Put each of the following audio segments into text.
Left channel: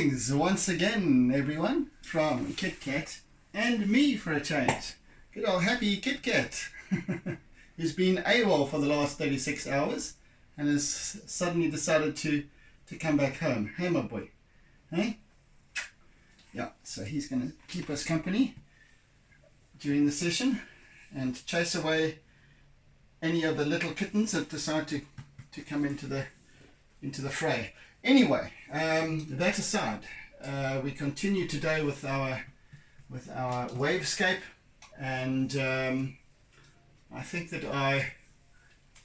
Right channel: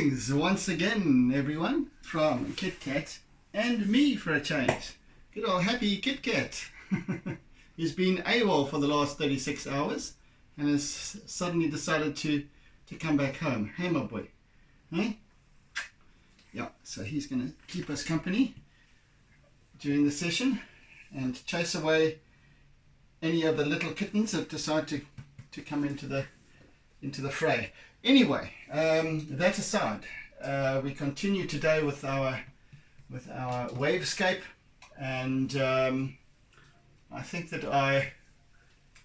Musings once again, everyone, from Kit Kat and me for a change. Good old happy Kit Kat. He's been AWOL for the last 36 hours and has suddenly decided to come back home. Hey, my boy. Hey? Yeah, so he's going to keep us company during the session and chase away any of the little kittens that decide to come into the fray. Anyway, that aside, we continue today with our wavescape, and I think that I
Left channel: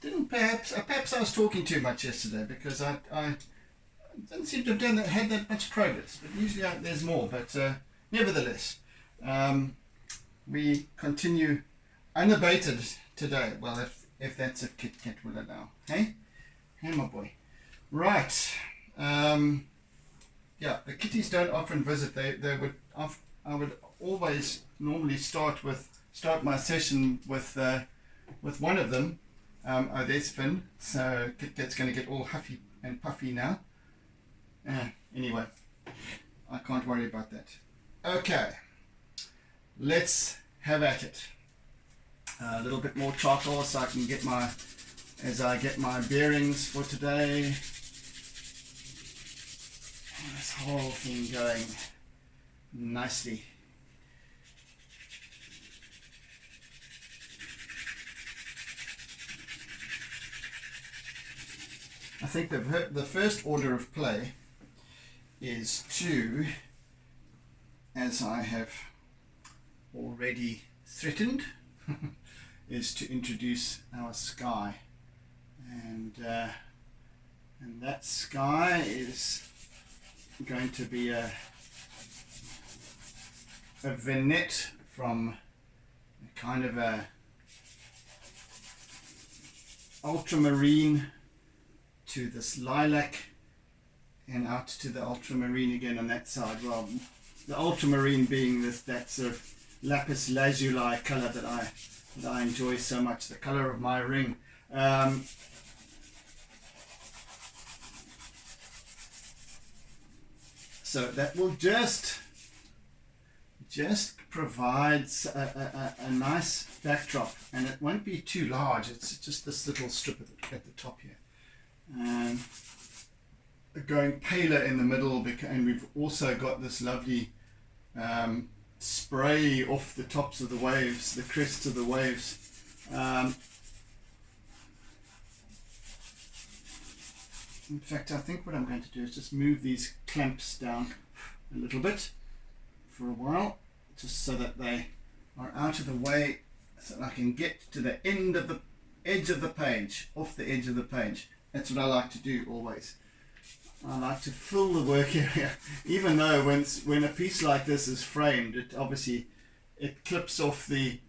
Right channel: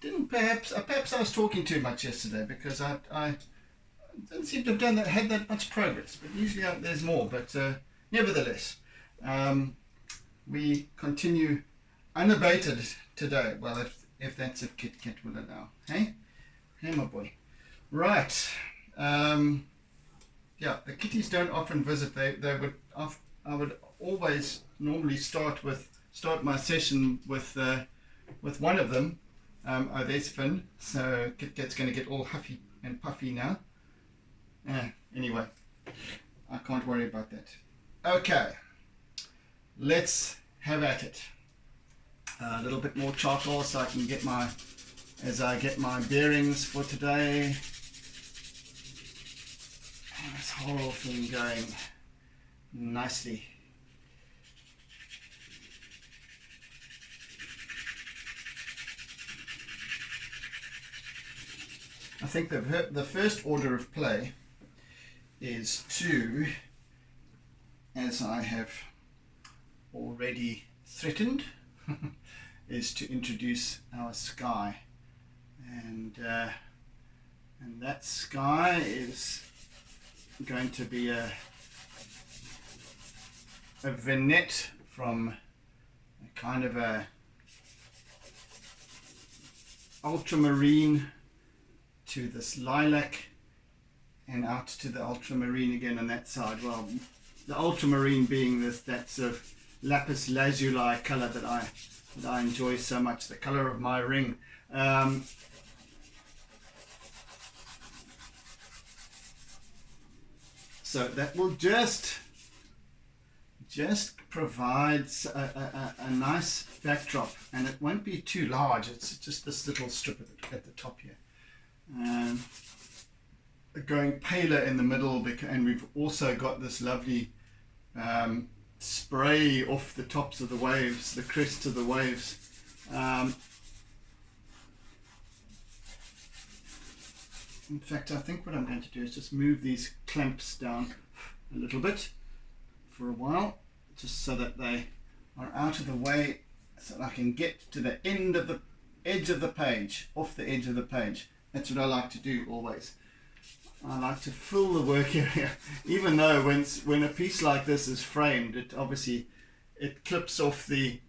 didn't perhaps I was talking too much yesterday because I didn't seem to have had that much progress, but usually there's more. But nevertheless, we continue unabated today. Well, if that's if Kit Kat will allow. Hey, my boy. Right. Yeah, the kitties don't often visit. I would always normally start my session with one of them. Oh, there's Finn. So Kit Kat's going to get all huffy and puffy now. Anyway, I can't worry about that. Okay, let's have at it. A little bit more charcoal so I can get my bearings for today. This whole thing going nicely. I think the first order of play is to, as I have already threatened, is to introduce our sky, and that sky is going to be a vignette from a kind of a ultramarine to this lilac and out to the ultramarine again on that side. Well, the ultramarine being that sort of lapis lazuli color that I enjoy so much, the color of my ring. So that will just provides a nice backdrop, and it won't be too large. It's just this little strip at the top here, and going paler in the middle, and we've also got this lovely spray off the tops of the waves, the crests of the waves. In fact, I think what I'm going to do is just move these clamps down a little bit for a while, just so that they are out of the way, so that I can get to the edge of the page, off the edge of the page. That's what I like to do always. I like to fill the work area, even though when a piece like this is framed, it clips off the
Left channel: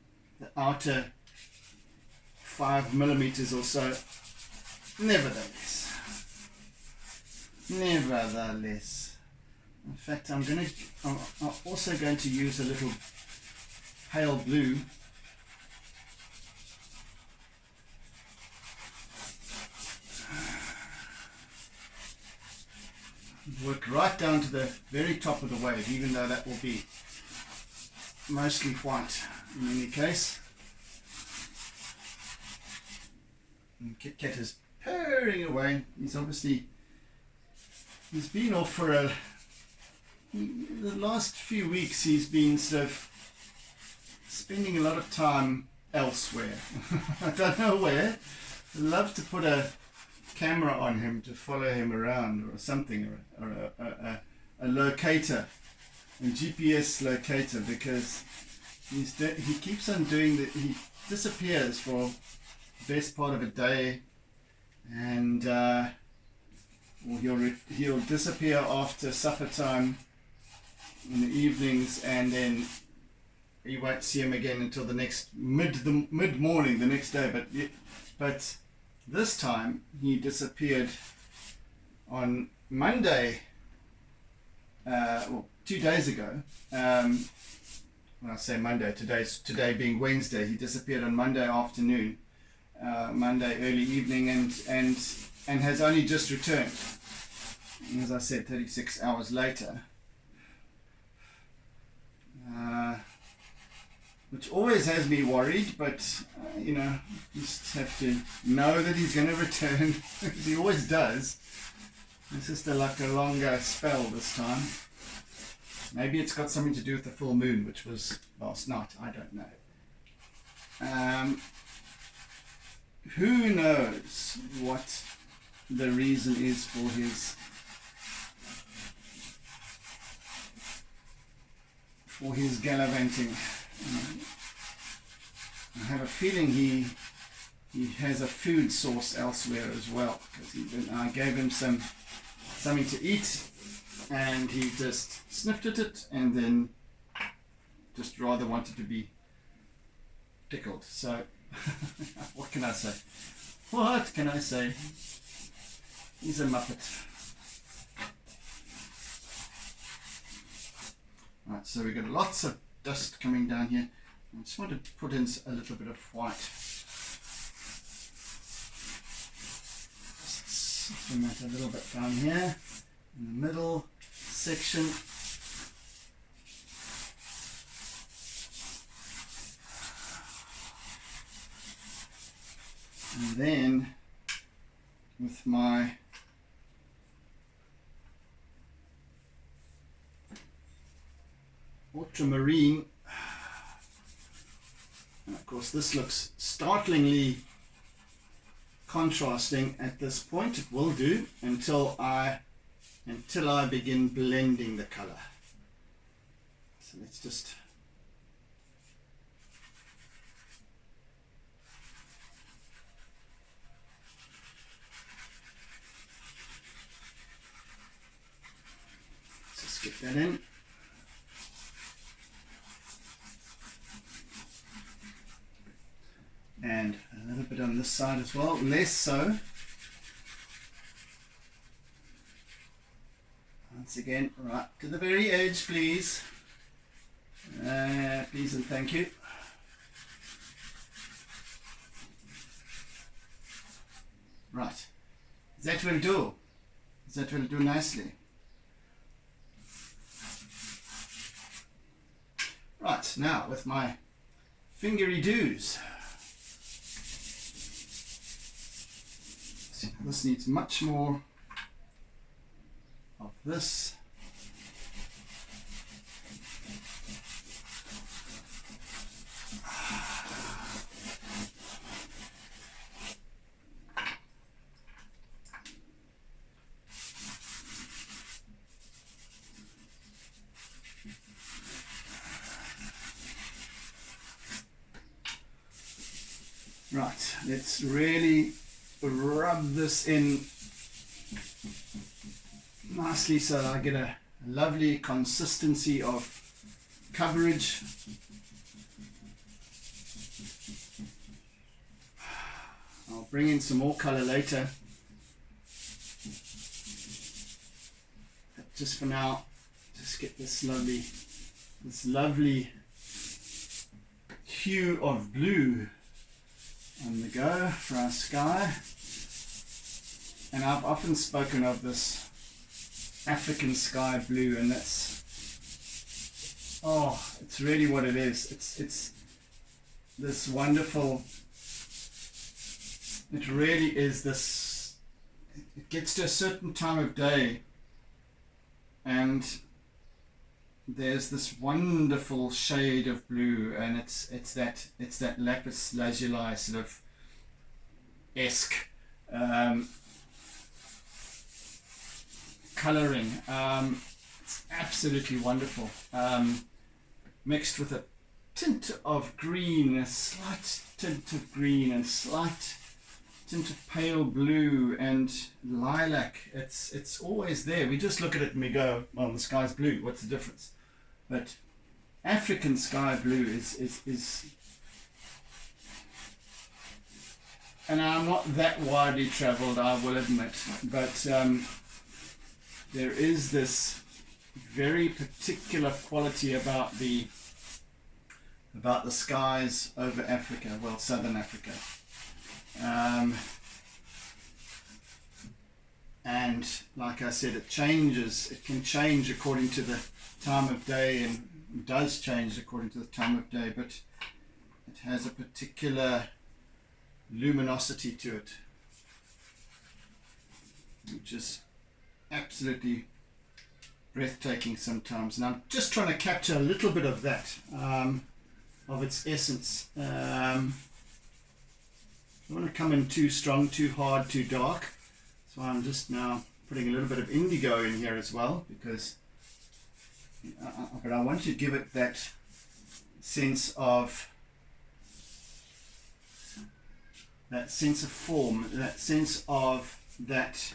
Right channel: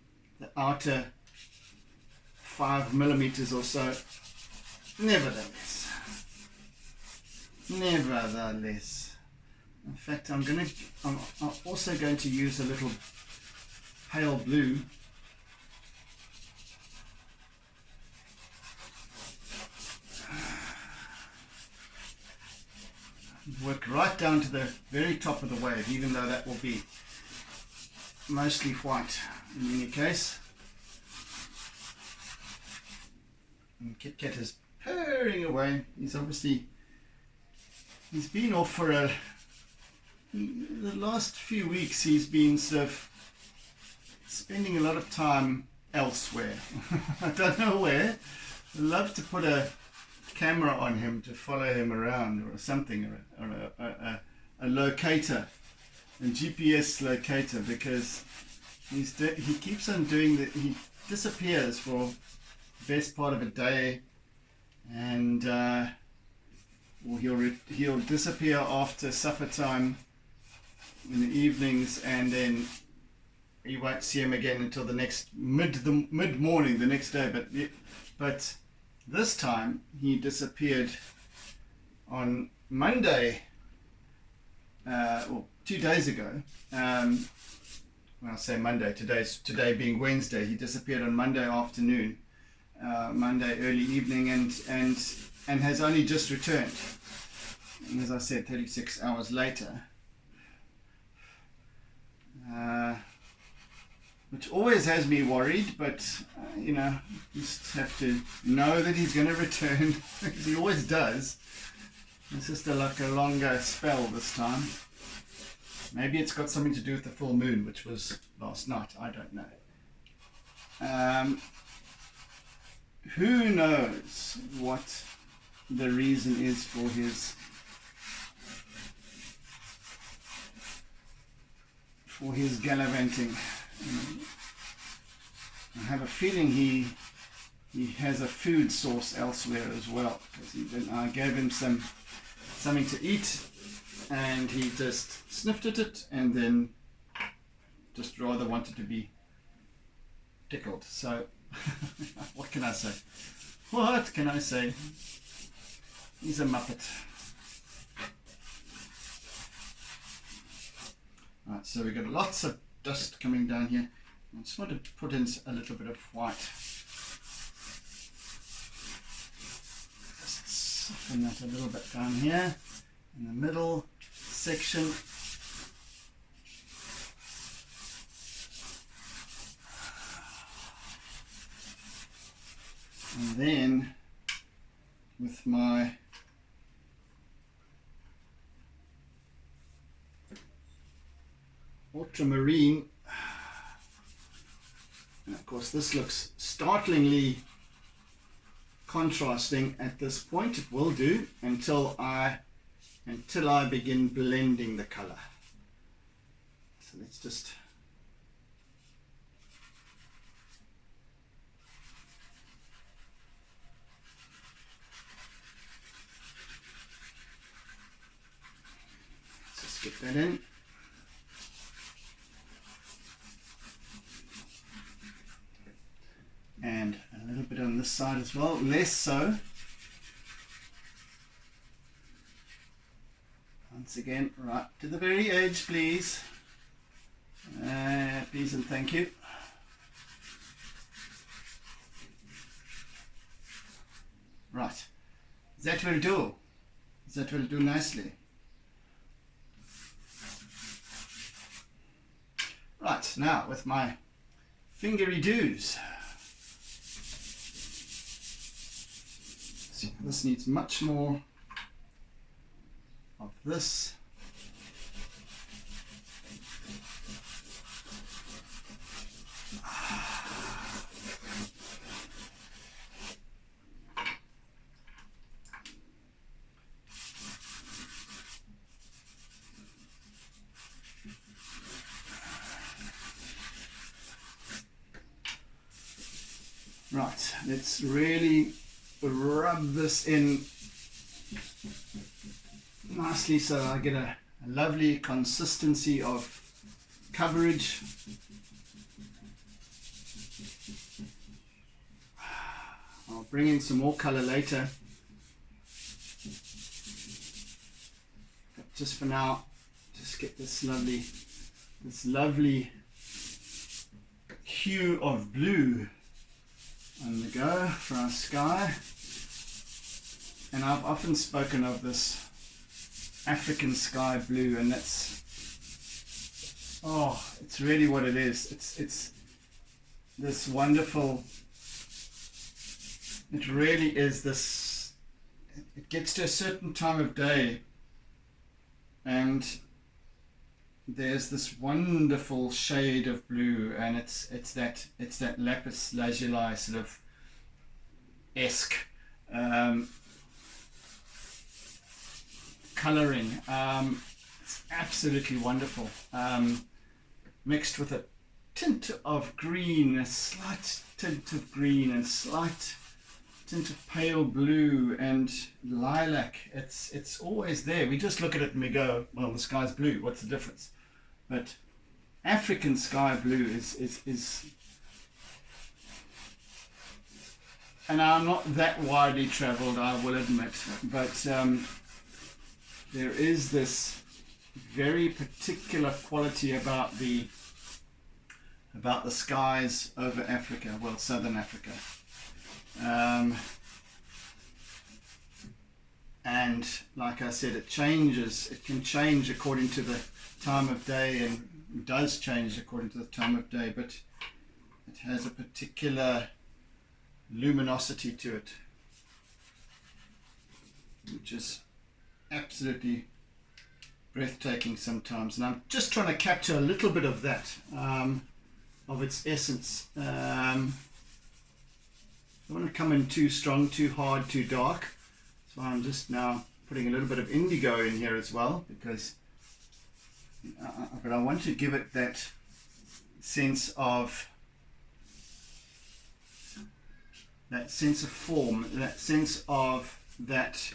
outer 5 millimeters or so. Nevertheless, in fact, I'm also going to use a little pale blue. Work right down to the very top of the wave, even though that will be mostly white in any case. And Kit Kat is purring away. He's been off for the last few weeks. He's been sort of spending a lot of time elsewhere. I don't know where. I'd love to put a camera on him to follow him around or something, or a locator, a GPS locator, because he keeps on doing that. He disappears for the best part of a day, and he'll disappear after supper time in the evenings, and then you won't see him again until the next mid morning the next day. But this time he disappeared on Monday, 2 days ago. When I say Monday, today being Wednesday, he disappeared on Monday afternoon, Monday early evening, and has only just returned. And as I said, 36 hours later, which always has me worried, but you know, just have to know that he's going to return, because he always does. It's just like a longer spell this time. Maybe it's got something to do with the full moon, which was last night. I don't know. Who knows what the reason is for his gallivanting. I have a feeling he has a food source elsewhere as well, because I gave him something to eat, and he just sniffed at it and then just rather wanted to be tickled. So what can I say? What can I say? He's a muppet. Right, so we've got lots of dust coming down here. I just want to put in a little bit of white. Just soften that a little bit down here in the middle section. And then with my ultramarine, and of course this looks startlingly contrasting at this point. It will do until I begin blending the color. So let's just get that in. And a little bit on this side as well, less so. Once again, right to the very edge, please. Please and thank you. Right, that will do. That will do nicely. Right, now with my fingery doos. See, this needs much more of this. Right, let's really rub this in nicely so I get a lovely consistency of coverage. I'll bring in some more color later, but just for now, just get this lovely hue of blue on the go for our sky. And I've often spoken of this African sky blue, and that's, oh, it's really what it is. It's this wonderful, it really is this, it gets to a certain time of day and there's this wonderful shade of blue, and it's that lapis lazuli sort of esque coloring. It's absolutely wonderful, mixed with a tint of green, a slight tint of green, and a slight tint of pale blue and lilac. It's always there. We just look at it and we go, well, the sky's blue, what's the difference? But African sky blue is and I'm not that widely traveled, I will admit, but there is this very particular quality about the skies over Africa, well, southern Africa, and and like I said, it changes. It can change according to the time of day, and does change according to the time of day, but it has a particular luminosity to it, which is absolutely breathtaking sometimes. And I'm just trying to capture a little bit of that, of its essence. I don't want to come in too strong, too hard, too dark, so I'm just now putting a little bit of indigo in here as well, because but I want to give it that sense of form, that sense of that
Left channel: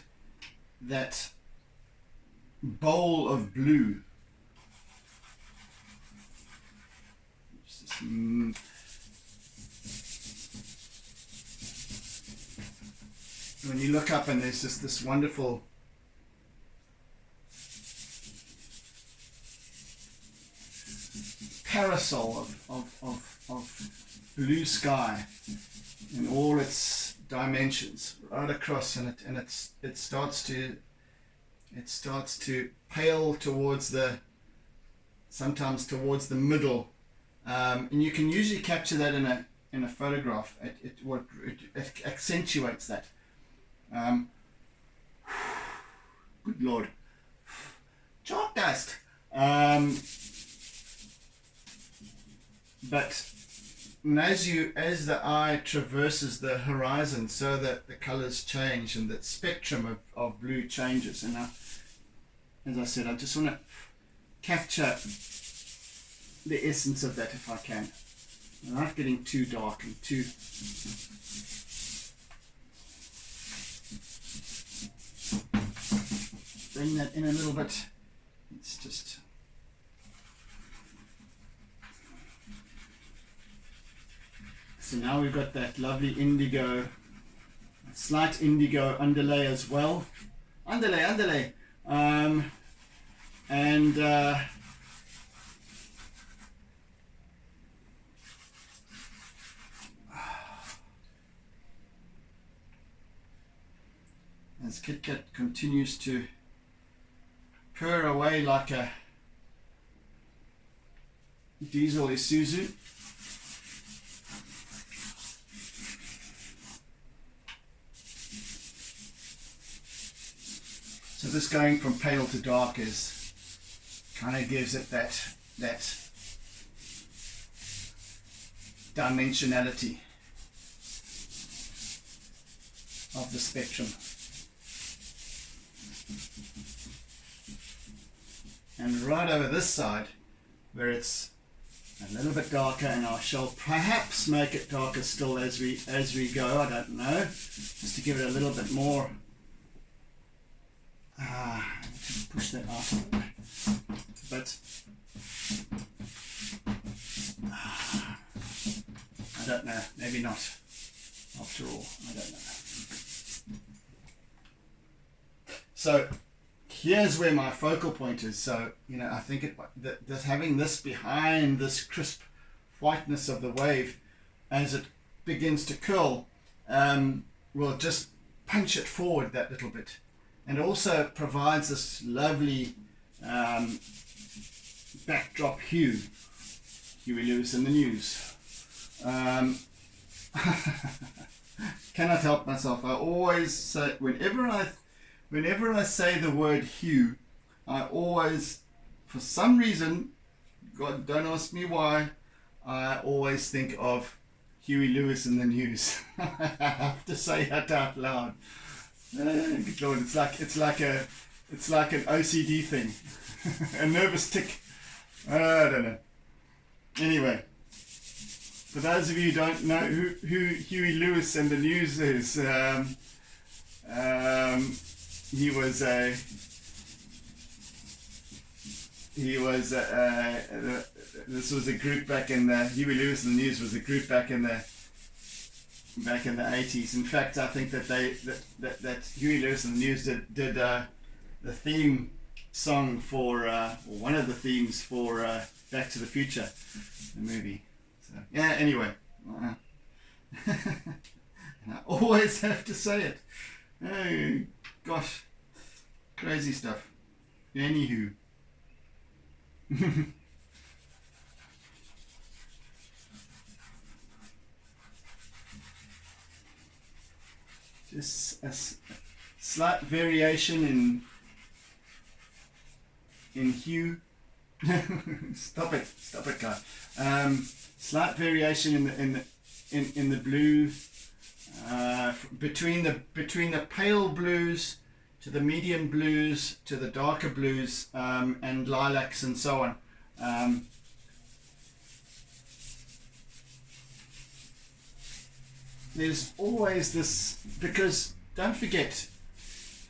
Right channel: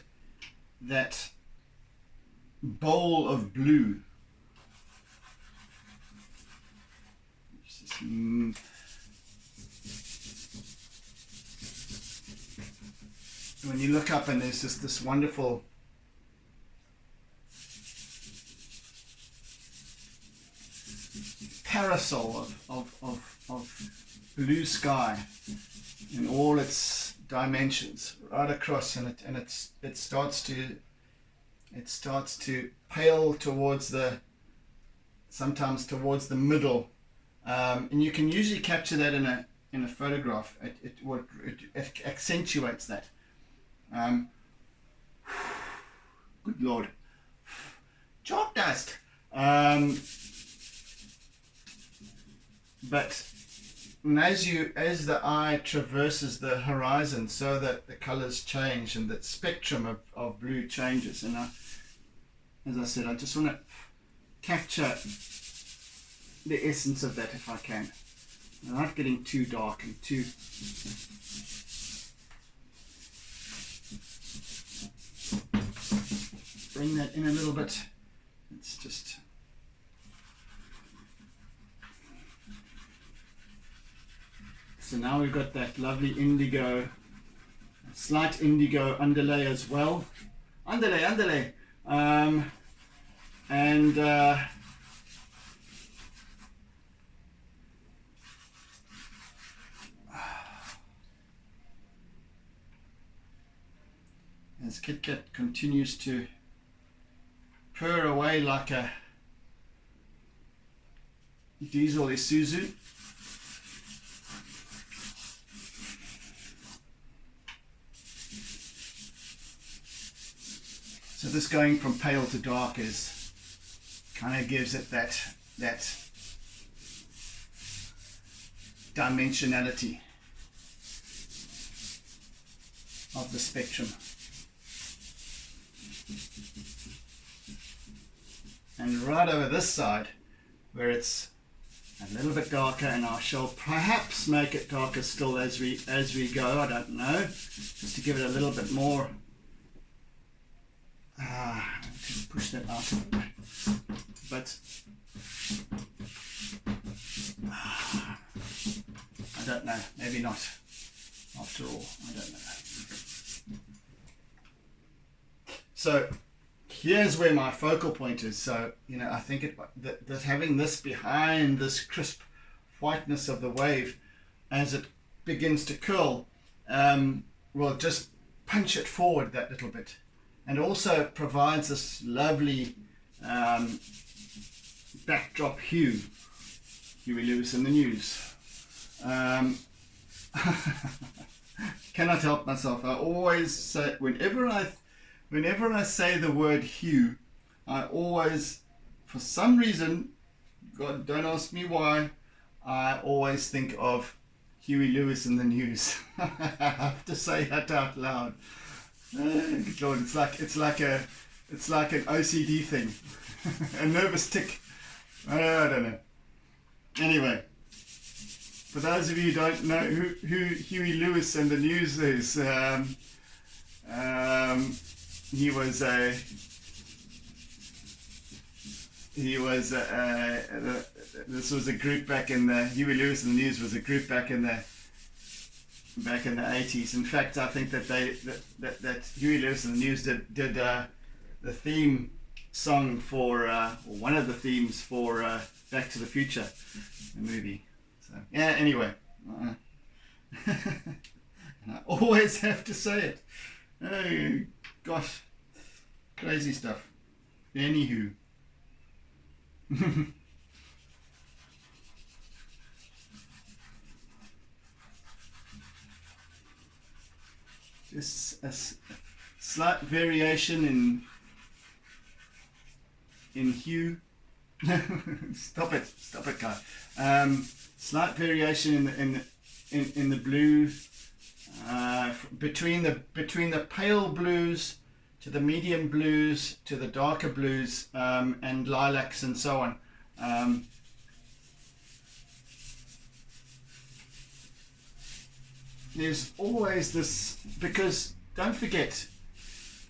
bowl of blue. When you look up and there's just this wonderful parasol of blue sky in all its dimensions right across, and it starts to pale towards sometimes towards the middle, and you can usually capture that in a photograph. It accentuates that. Good Lord, chalk dust. But as the eye traverses the horizon, so that the colors change and that spectrum of blue changes. And as I said, I just want to capture the essence of that if I can, without getting too dark and too bring that in a little bit. It's just so now we've got that lovely indigo, slight indigo underlay as well. Underlay. And as Kit Kat continues to purr away like a diesel Isuzu, so this going from pale to dark kind of gives it that dimensionality of the spectrum. And right over this side, where it's a little bit darker, and I shall perhaps make it darker still as we go, I don't know, just to give it a little bit more. Push that out of the way. But I don't know, maybe not after all, I don't know. So here's where my focal point is. So, I think that having this behind this crisp whiteness of the wave, as it begins to curl, will just punch it forward that little bit, and also provides this lovely backdrop hue. Huey Lewis and the News. Cannot help myself. I always say, whenever I say the word hue, I always, for some reason, God, don't ask me why, I always think of Huey Lewis and the News. I have to say that out loud. Good Lord, it's like an OCD thing, a nervous tick. I don't know. Anyway, for those of you who don't know who Huey Lewis and the News is, this was a group back in the Huey Lewis and the News was a group back in the 80s. In fact, I think that that Huey Lewis and the News did the theme song for one of the themes for Back to the Future, the movie. So yeah, anyway, I always have to say it. Oh gosh. Crazy stuff. Anywho. Just a slight variation in hue. Stop it, guy. Slight variation in the blue, between the pale blues to the medium blues to the darker blues, and lilacs and so on. There's always this, because don't forget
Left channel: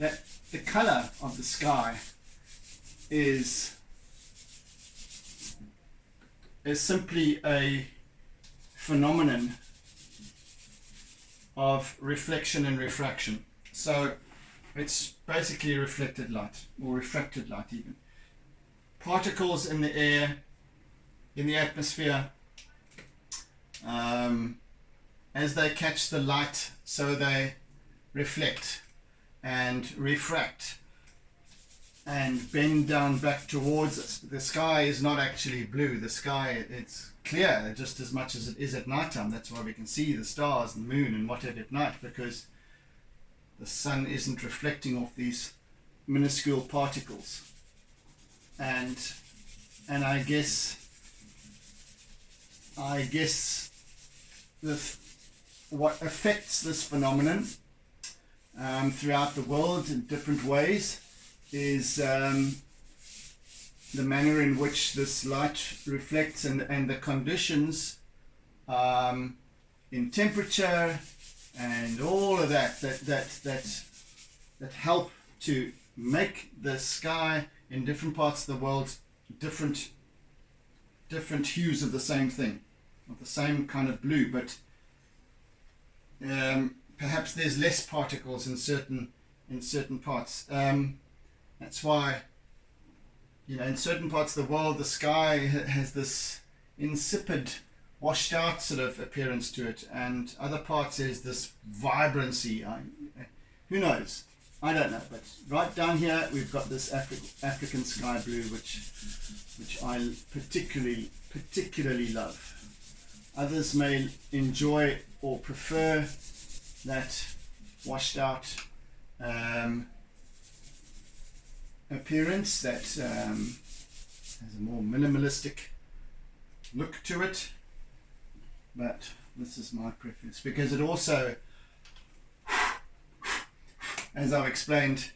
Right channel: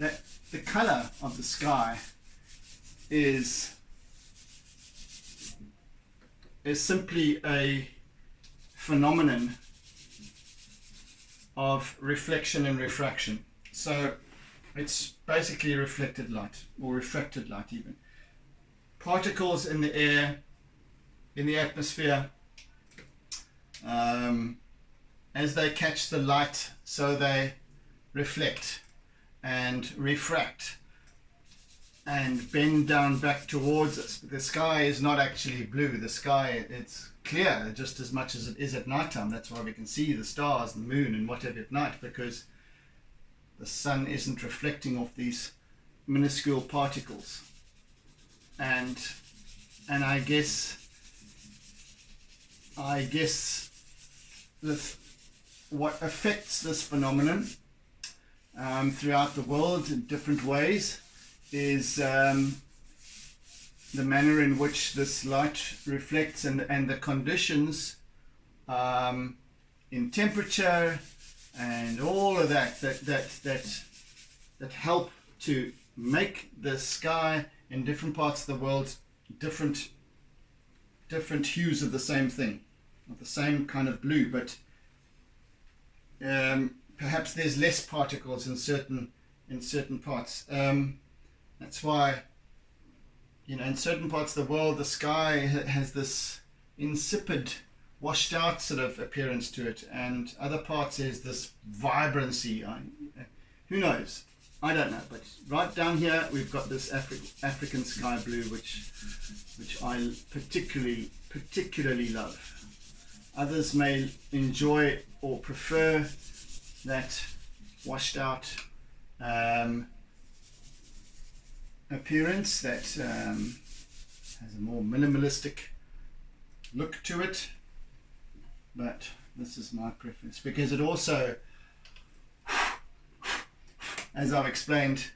that the color of the sky is simply a phenomenon of reflection and refraction. So it's basically reflected light, or refracted light even. Particles in the air, in the atmosphere, as they catch the light, so they reflect and refract and bend down back towards us. The sky is not actually blue. The sky, it's clear just as much as it is at nighttime. That's why we can see the stars and the moon and whatever at night, because the sun isn't reflecting off these minuscule particles. And I guess what affects this phenomenon throughout the world in different ways is the manner in which this light reflects, and the conditions in temperature and all of that help to make the sky in different parts of the world different hues of the same thing, of the same kind of blue, but perhaps there's less particles in certain parts. That's why, in certain parts of the world, the sky has this insipid, washed out sort of appearance to it, and other parts there's this vibrancy. Who knows? I don't know. But right down here, we've got this African sky blue, which I particularly love. Others may enjoy or prefer that washed out appearance that has a more minimalistic look to it, but this is my preference, because it also, as I've explained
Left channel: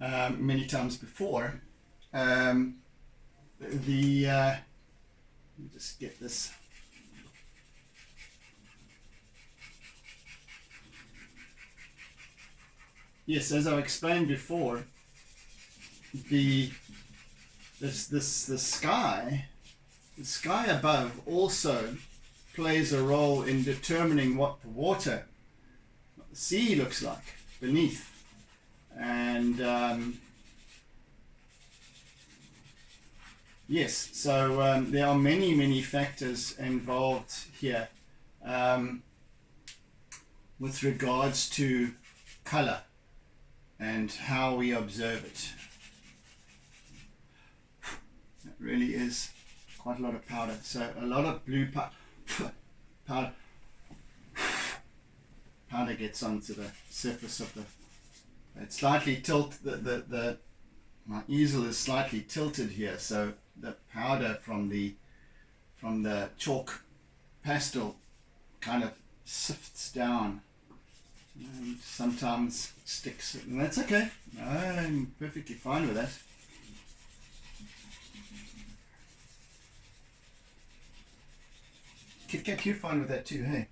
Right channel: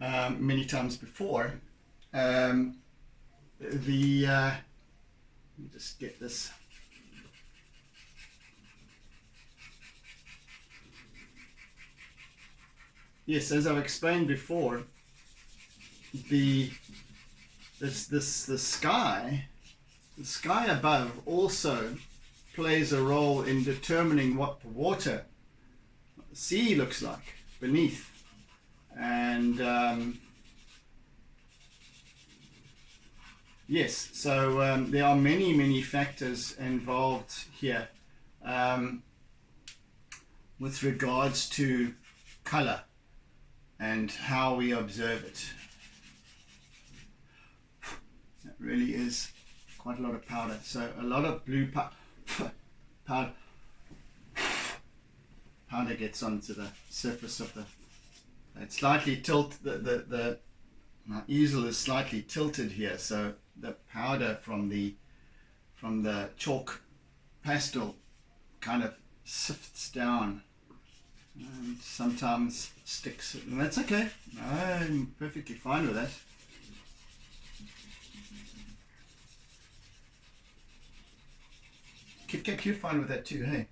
many times before, let me just get this. Yes, as I've explained before, the sky above also plays a role in determining what the sea looks like beneath, and yes, so there are many factors involved here with regards to color and how we observe it. It really is quite a lot of powder. So a lot of blue powder gets onto the surface of the. It's slightly my easel is slightly tilted here, so the powder from the chalk pastel kind of sifts down and sometimes sticks, and that's okay. I'm perfectly fine with that. Kit Kat, you're fine with that too, hey?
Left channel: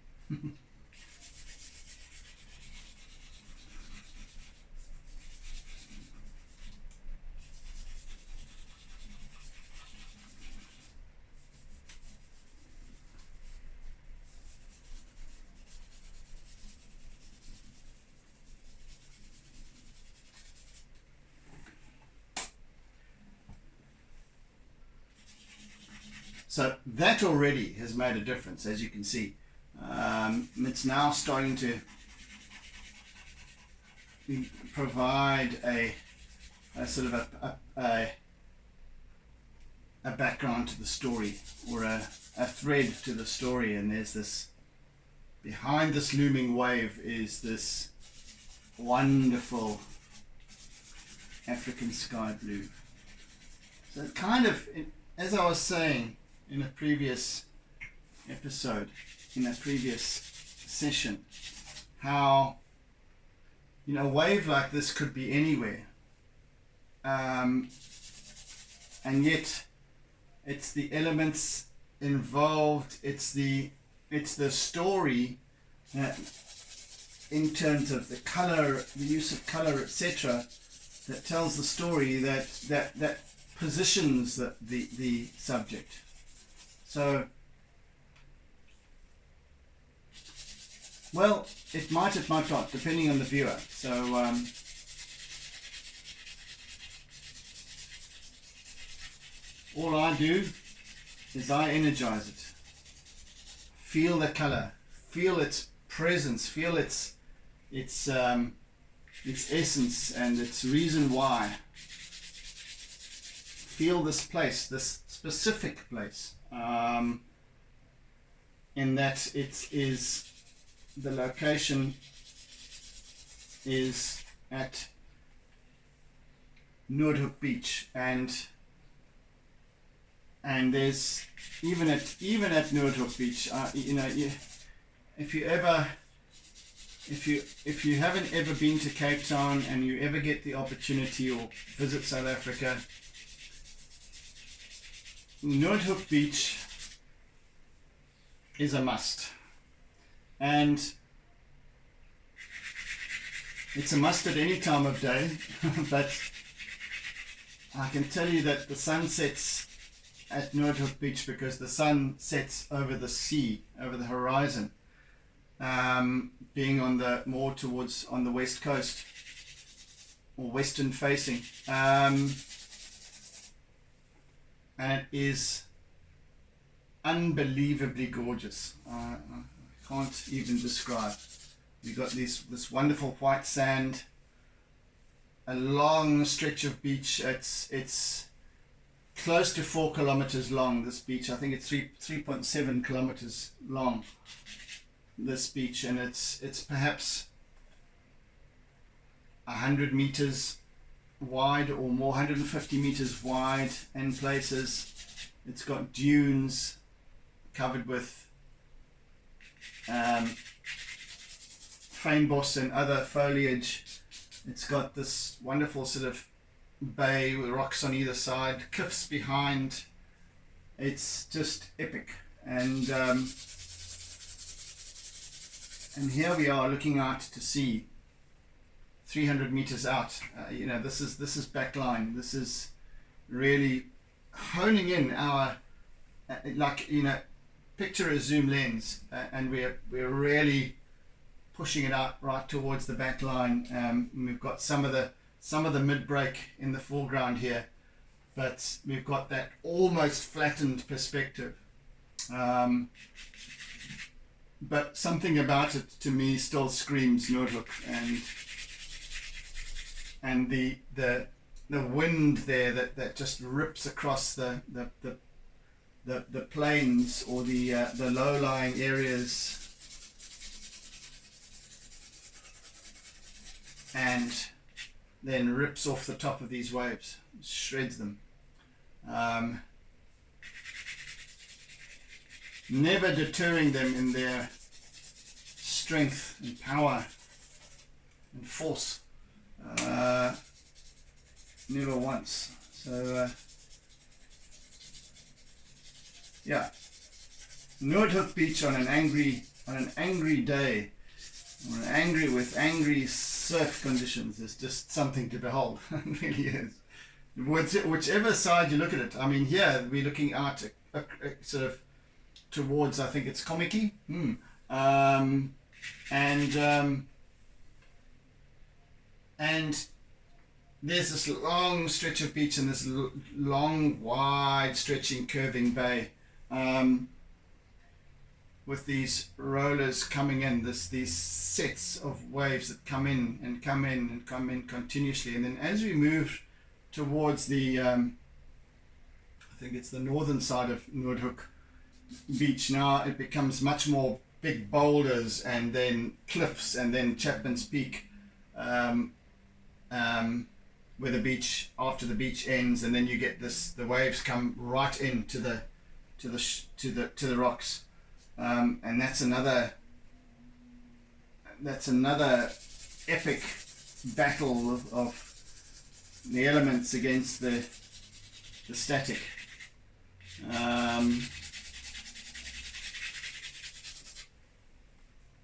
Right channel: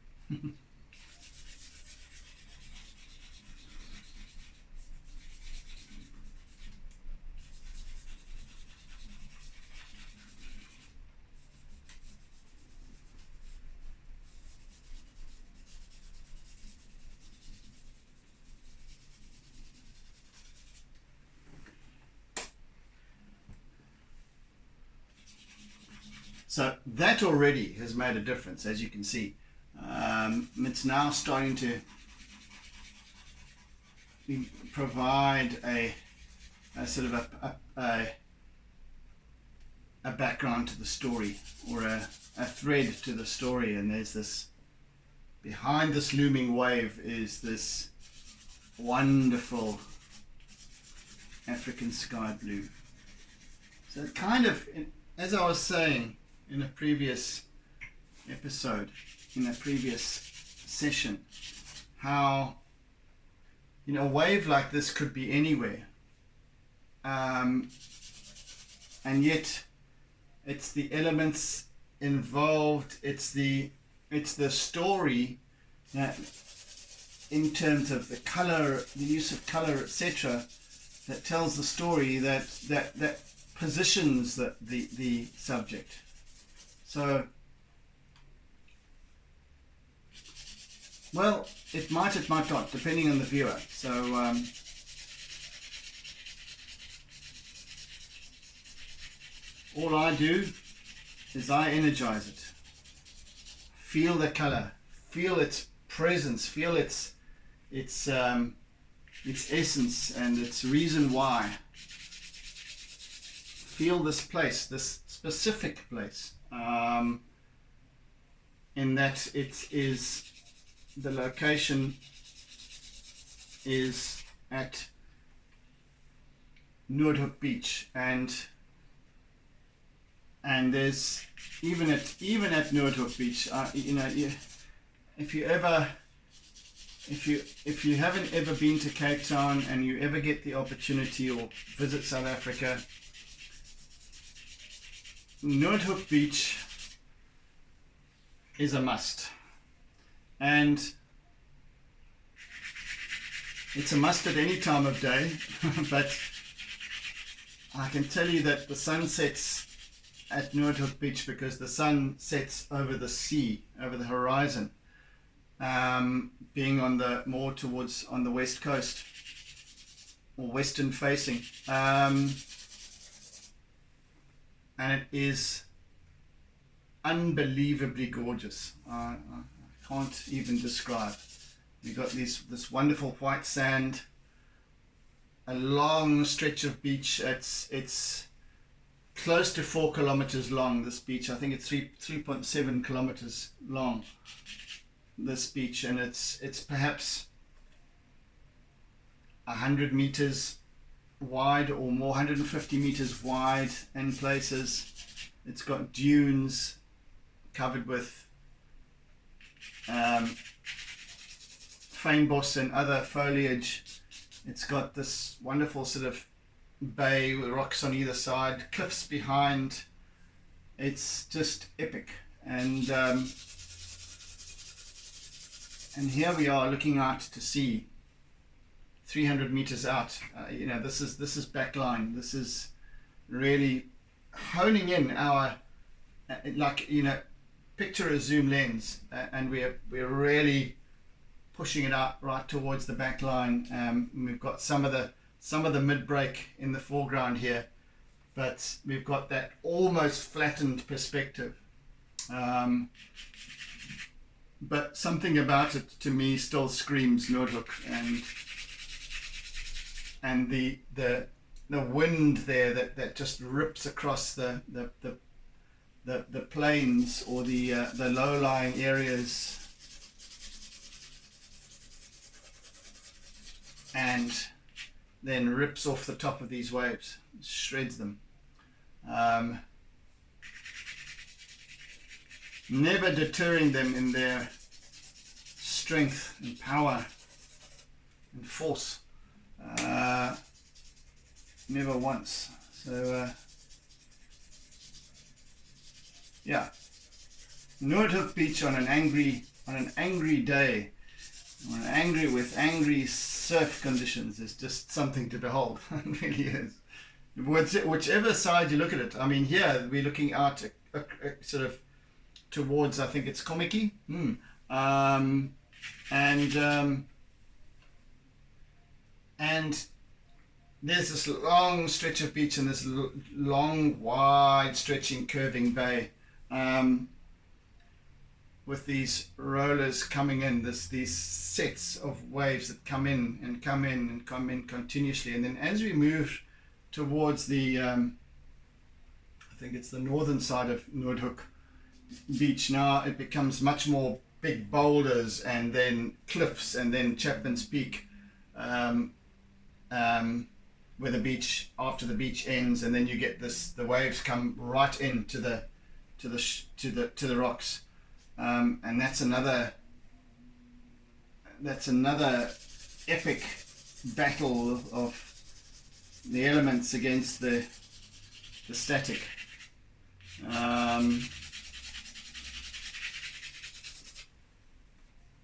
So that already has made a difference, as you can see. It's now starting to provide a sort of a background to the story, or a thread to the story. And there's this, behind this looming wave is this wonderful African sky blue. So it kind of, as I was saying in a previous episode, in a previous session, how, you know, a wave like this could be anywhere, and yet it's the elements involved, it's the story that, in terms of the color, the use of color, etc., that tells the story, that positions the subject. So, well, it might not, depending on the viewer. So all I do is I energize it. Feel the color, feel its presence, feel its essence and its reason why. Feel this place, this specific place, in that it is, the location is at Noordhoek Beach, and there's even at Noordhoek Beach, you know, if you haven't ever been to Cape Town and you ever get the opportunity or visit South Africa, Noordhoek Beach is a must, and it's a must at any time of day. But I can tell you that the sun sets at Noordhoek Beach because the sun sets over the sea, over the horizon, being on the more towards on the west coast, or western facing, and it is unbelievably gorgeous. I can't even describe. We've got this wonderful white sand, a long stretch of beach. It's close to 4 kilometers long, this beach. I think it's 3.7 kilometers long, this beach, and it's perhaps 100 meters wide or more, 150 meters wide in places. It's got dunes covered with fynbos and other foliage. It's got this wonderful sort of bay with rocks on either side, cliffs behind. It's just epic. And here we are looking out to sea, 300 meters out. You know, this is backline. This is really honing in our, like, you know, picture a zoom lens, and we're really pushing it out right towards the back line. We've got some of the mid-break in the foreground here, but we've got that almost flattened perspective. But something about it to me still screams Noordhoek, and the wind there that just rips across the plains, or the low-lying areas, and then rips off the top of these waves, shreds them. Never deterring them in their strength and power and force. Never once. So yeah, Noordhoek Beach on an angry day, or with angry surf conditions, is just something to behold. It really is. Whichever side you look at it. I mean, here we're looking out sort of towards, I think it's Kommetjie, and there's this long stretch of beach and this long, wide, stretching, curving bay, with these rollers coming in, these sets of waves that come in continuously. And then as we move towards the I think it's the northern side of Noordhoek Beach now, it becomes much more big boulders and then cliffs and then Chapman's Peak, where the beach, after the beach ends, and then you get this, the waves come right into the rocks, and that's another epic battle of the elements against the static.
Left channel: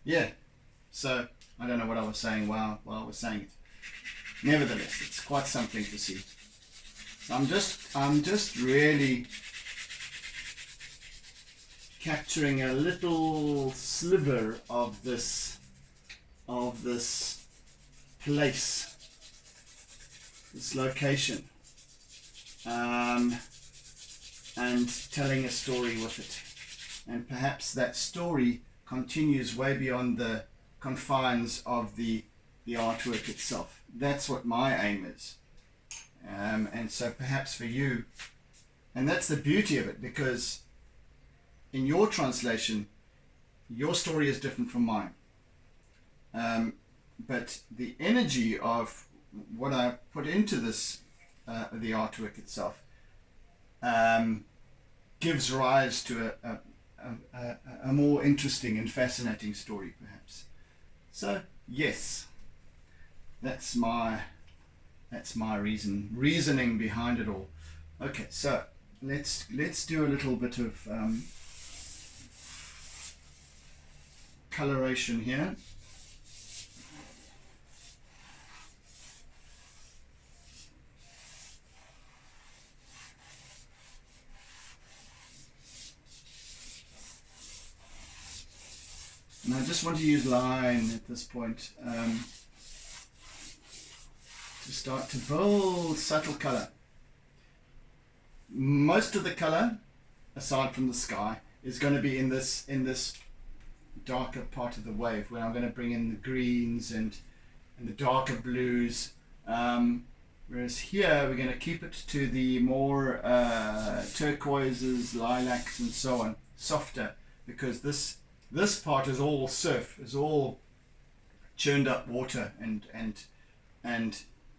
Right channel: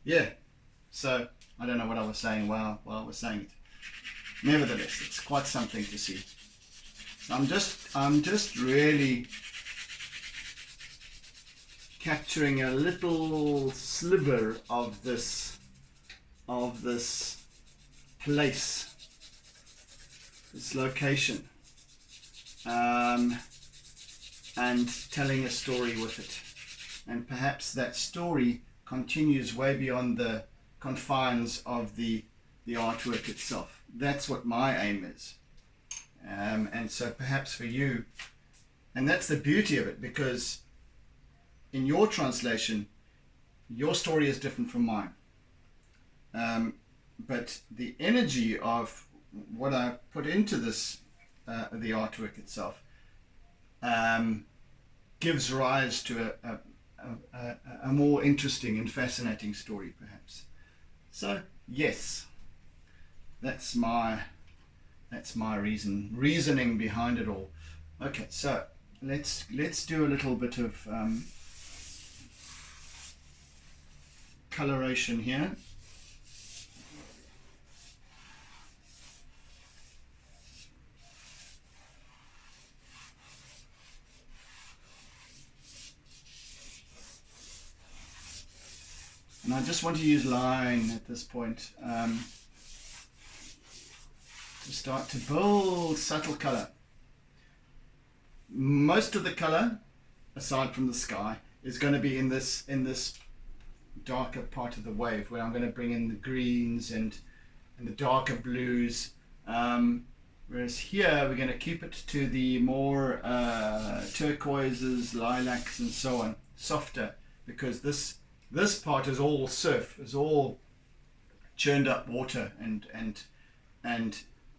Yeah, so I don't know what I was saying while I was saying it. Nevertheless, it's quite something to see. So I'm just really capturing a little sliver of this place, this location, and telling a story with it. And perhaps that story continues way beyond the confines of the artwork itself. That's what my aim is. And so perhaps for you, and that's the beauty of it, because in your translation, your story is different from mine. But the energy of what I put into this, the artwork itself, gives rise to a more interesting and fascinating story, perhaps. So yes, that's my reasoning behind it all. Okay, so let's do a little bit of coloration here. And I just want to use line at this point to start to build subtle color. Most of the color, aside from the sky, is going to be in this darker part of the wave, where I'm going to bring in the greens and the darker blues. Whereas here we're going to keep it to the more turquoises, lilacs, and so on, softer, because this part is all surf, is all churned up water and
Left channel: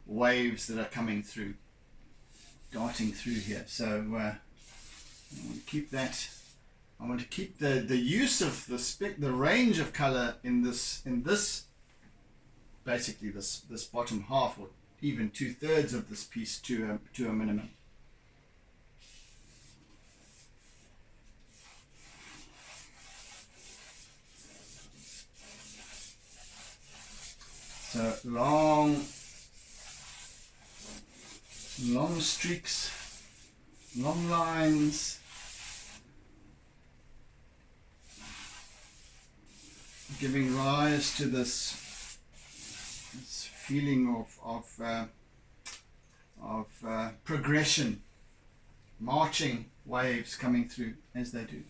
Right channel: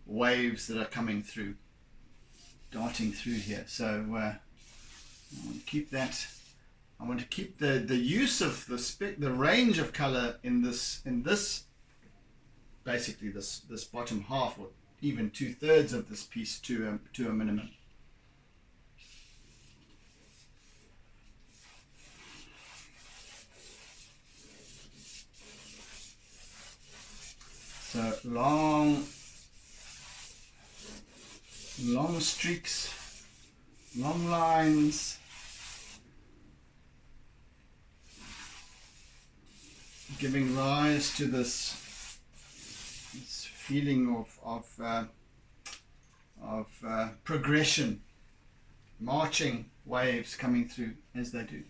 waves that are coming through, darting through here. So I want to keep that. I want to keep the use of the range of color in this basically this bottom half, or even 2/3 of this piece, to a minimum. So long streaks, long lines, giving rise to this feeling of progression, marching waves coming through as they do.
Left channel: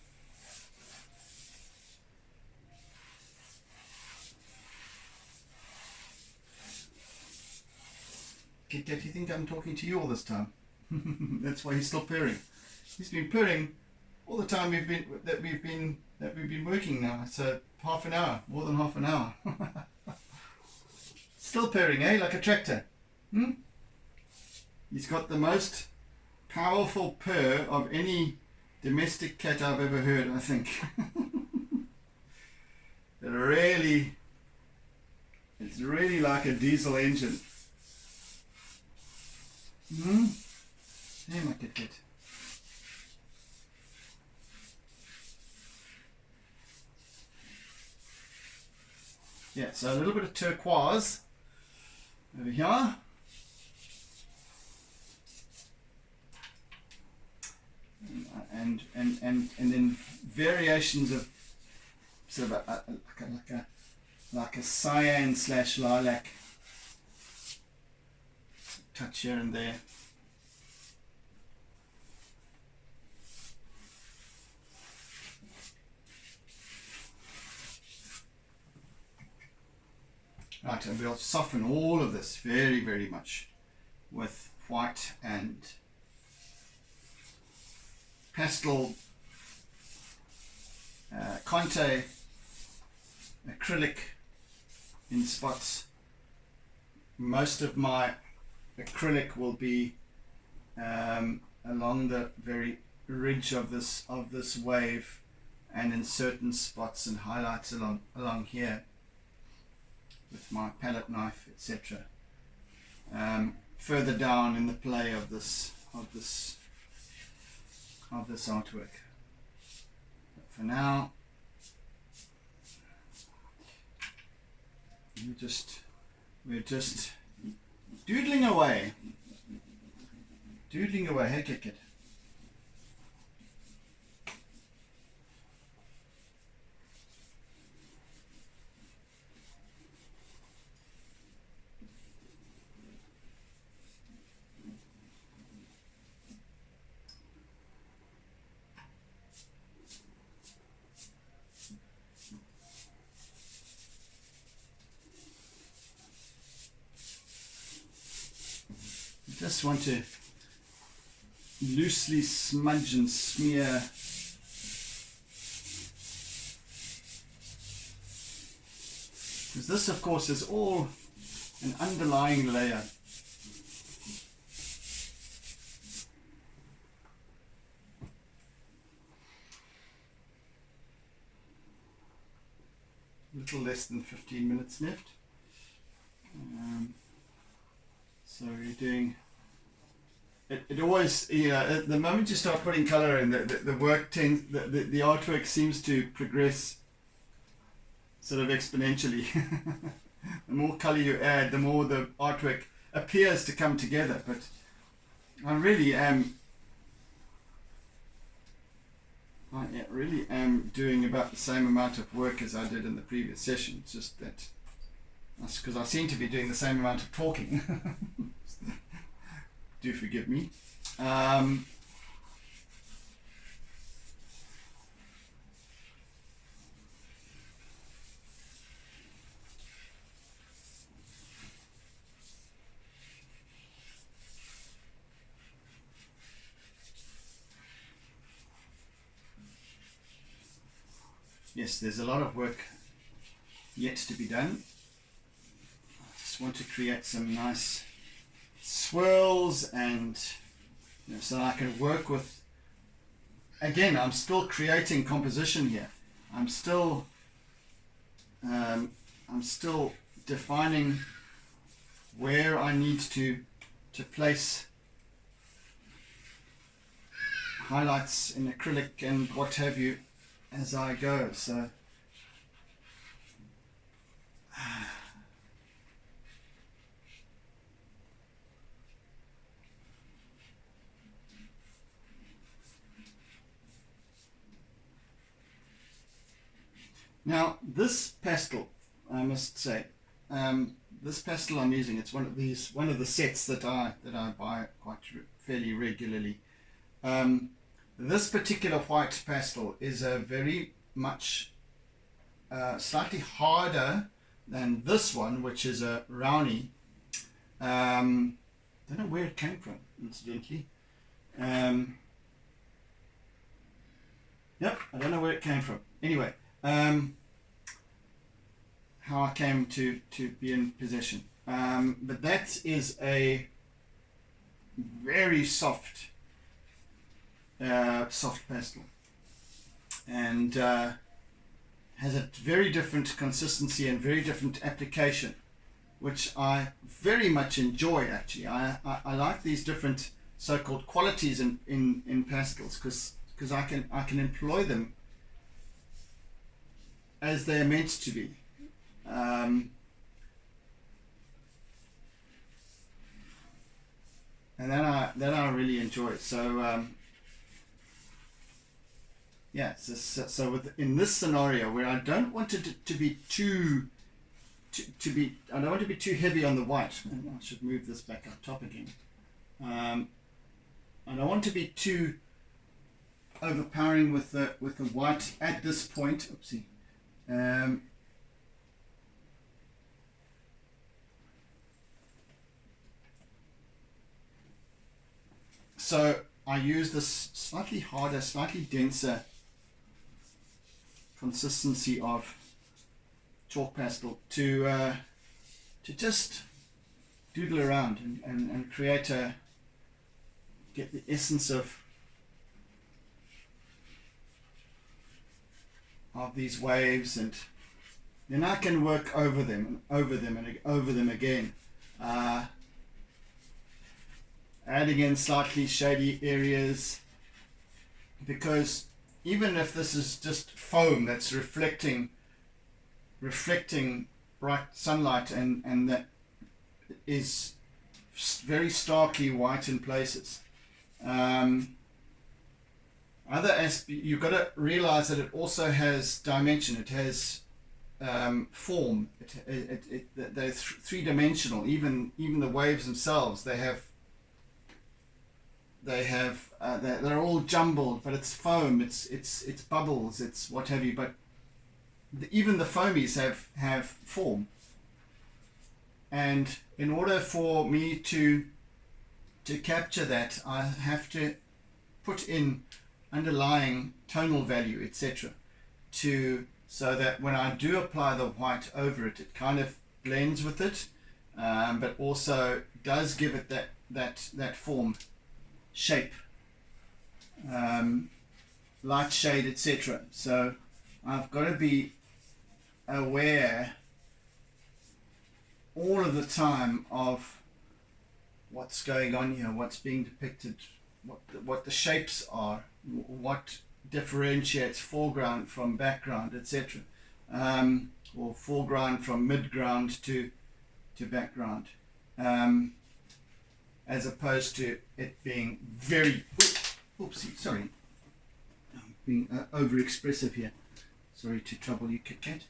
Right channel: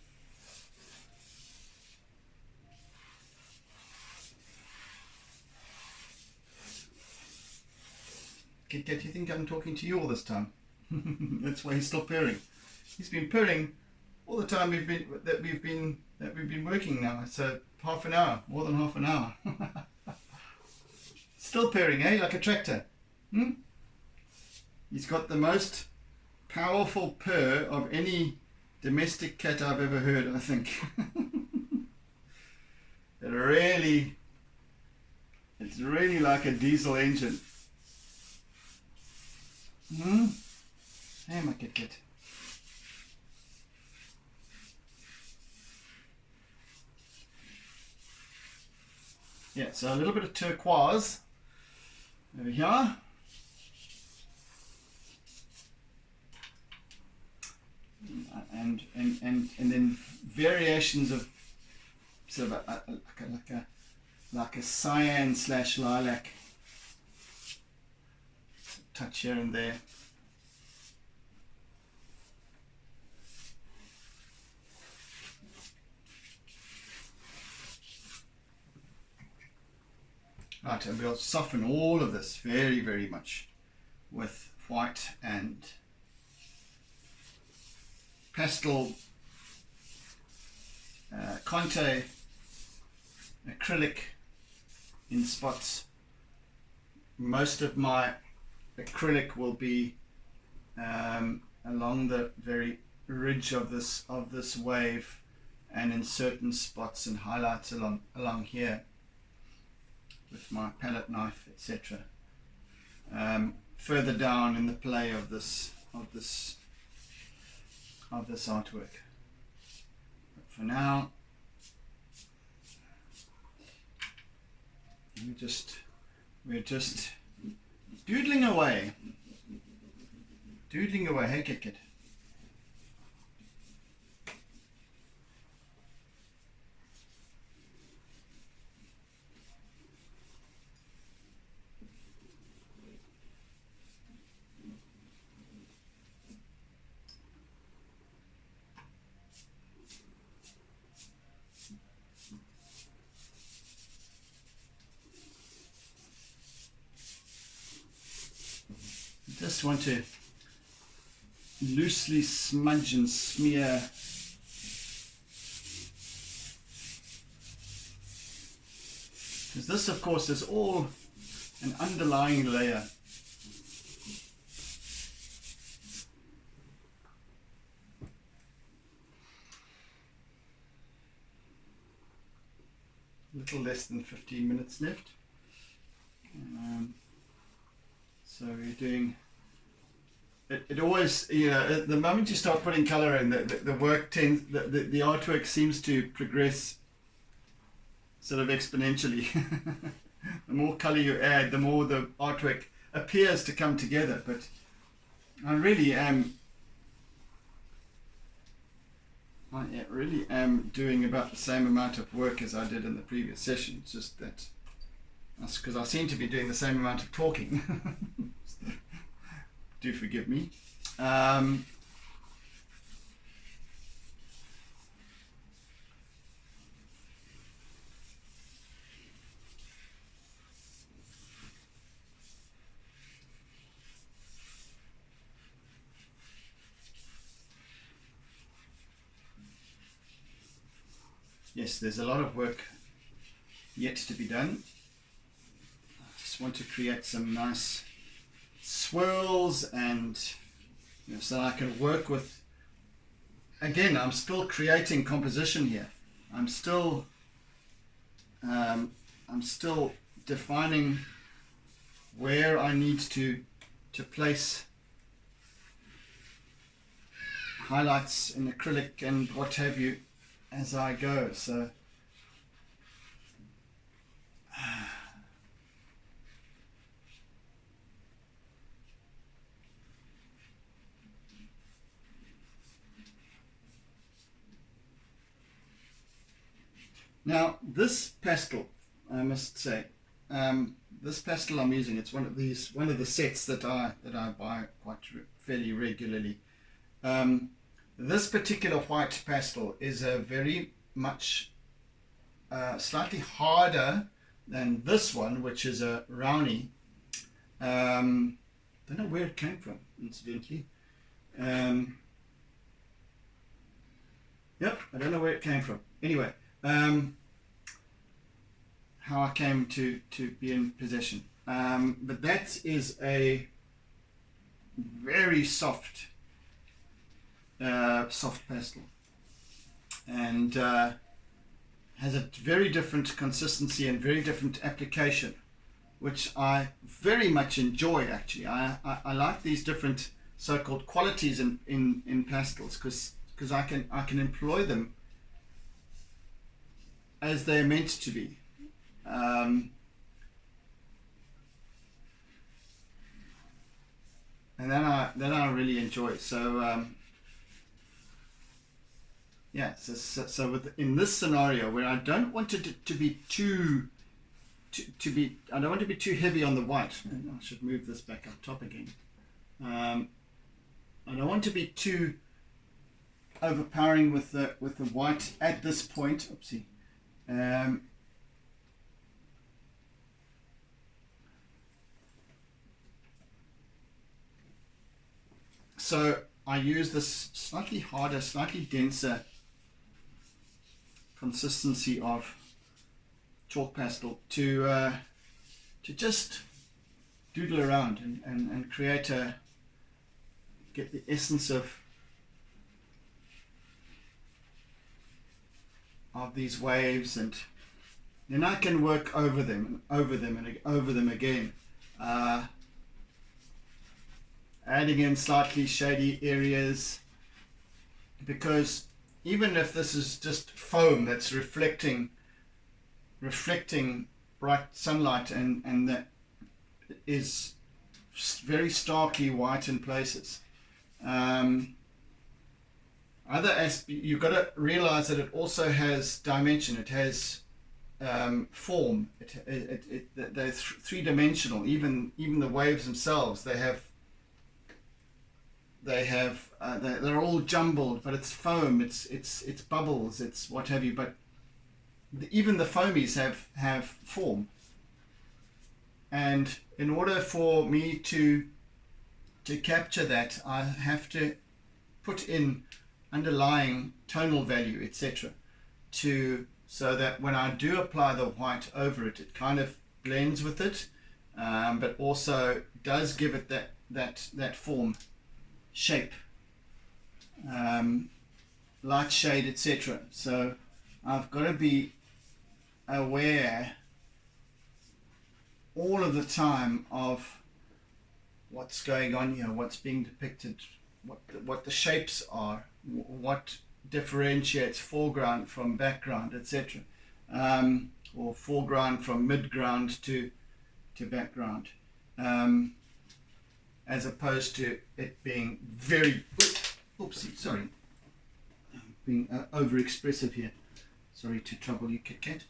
Kit Kat, you think I'm talking to you all this time? That's why he's still purring. He's been purring all the time we've been working now. It's half an hour, more than half an hour. Still purring, eh? Like a tractor. He's got the most powerful purr of any domestic cat I've ever heard, I think. It's really like a diesel engine. Hey, my Kit Kat. Yeah, so a little bit of turquoise over here. And then variations of sort of like a cyan / lilac touch here and there. Right, and we'll soften all of this very, very much with white and pastel Conte acrylic in spots. Most of my acrylic will be along the very ridge of this wave, and in certain spots and highlights along here with my palette knife, etc. Further down in the play of this artwork. But for now, we're just doodling away. Hey, kid. Just want to loosely smudge and smear because this of course is all an underlying layer. A little less than 15 minutes left. So we're doing it always, you know, the moment you start putting color in, the work tends, the artwork seems to progress sort of exponentially. The more color you add, the more the artwork appears to come together. But I really am doing about the same amount of work as I did in the previous session. It's just that's because I seem to be doing the same amount of talking. Do forgive me. Yes, there's a lot of work yet to be done. I just want to create some nice swirls, and so that I can work with, again, I'm still creating composition here. I'm still defining where I need to place highlights in acrylic and what have you as I go. So now this pastel, I must say, this pastel I'm using, it's one of the sets that I buy quite fairly regularly. This particular white pastel is a very much slightly harder than this one, which is a Rowney. Don't know where it came from, incidentally. Yep, I don't know where it came from. Anyway, how I came to be in possession. But that is a very soft pastel, and has a very different consistency and very different application, which I very much enjoy. Actually, I like these different so-called qualities in pastels because I can employ them as they're meant to be. And then I really enjoy it. So yeah, so in this scenario where I don't want it to be I don't want to be too heavy on the white. I should move this back up top again. I don't want to be too overpowering with the white at this point. Oopsie. so I use this slightly harder, slightly denser consistency of chalk pastel to just doodle around and create get the essence of these waves, and then I can work over them and over them and over them again, adding in slightly shady areas, because even if this is just foam that's reflecting bright sunlight and that is very starkly white in places, you've got to realize that it also has dimension. It has form. They're three-dimensional. Even the waves themselves, they're all jumbled, but it's foam, it's bubbles, it's what have you. But even the foamies have form. And in order for me to capture that, I have to put in underlying tonal value, etc., so that when I do apply the white over it, it kind of blends with it, but also does give it that form, shape, light, shade, etc. So I've got to be aware all of the time of what's going on here, what's being depicted, what the shapes are, what differentiates foreground from background, etc., or foreground from midground to background, as opposed to it being very being over expressive here. Sorry to trouble you, Kit Kat.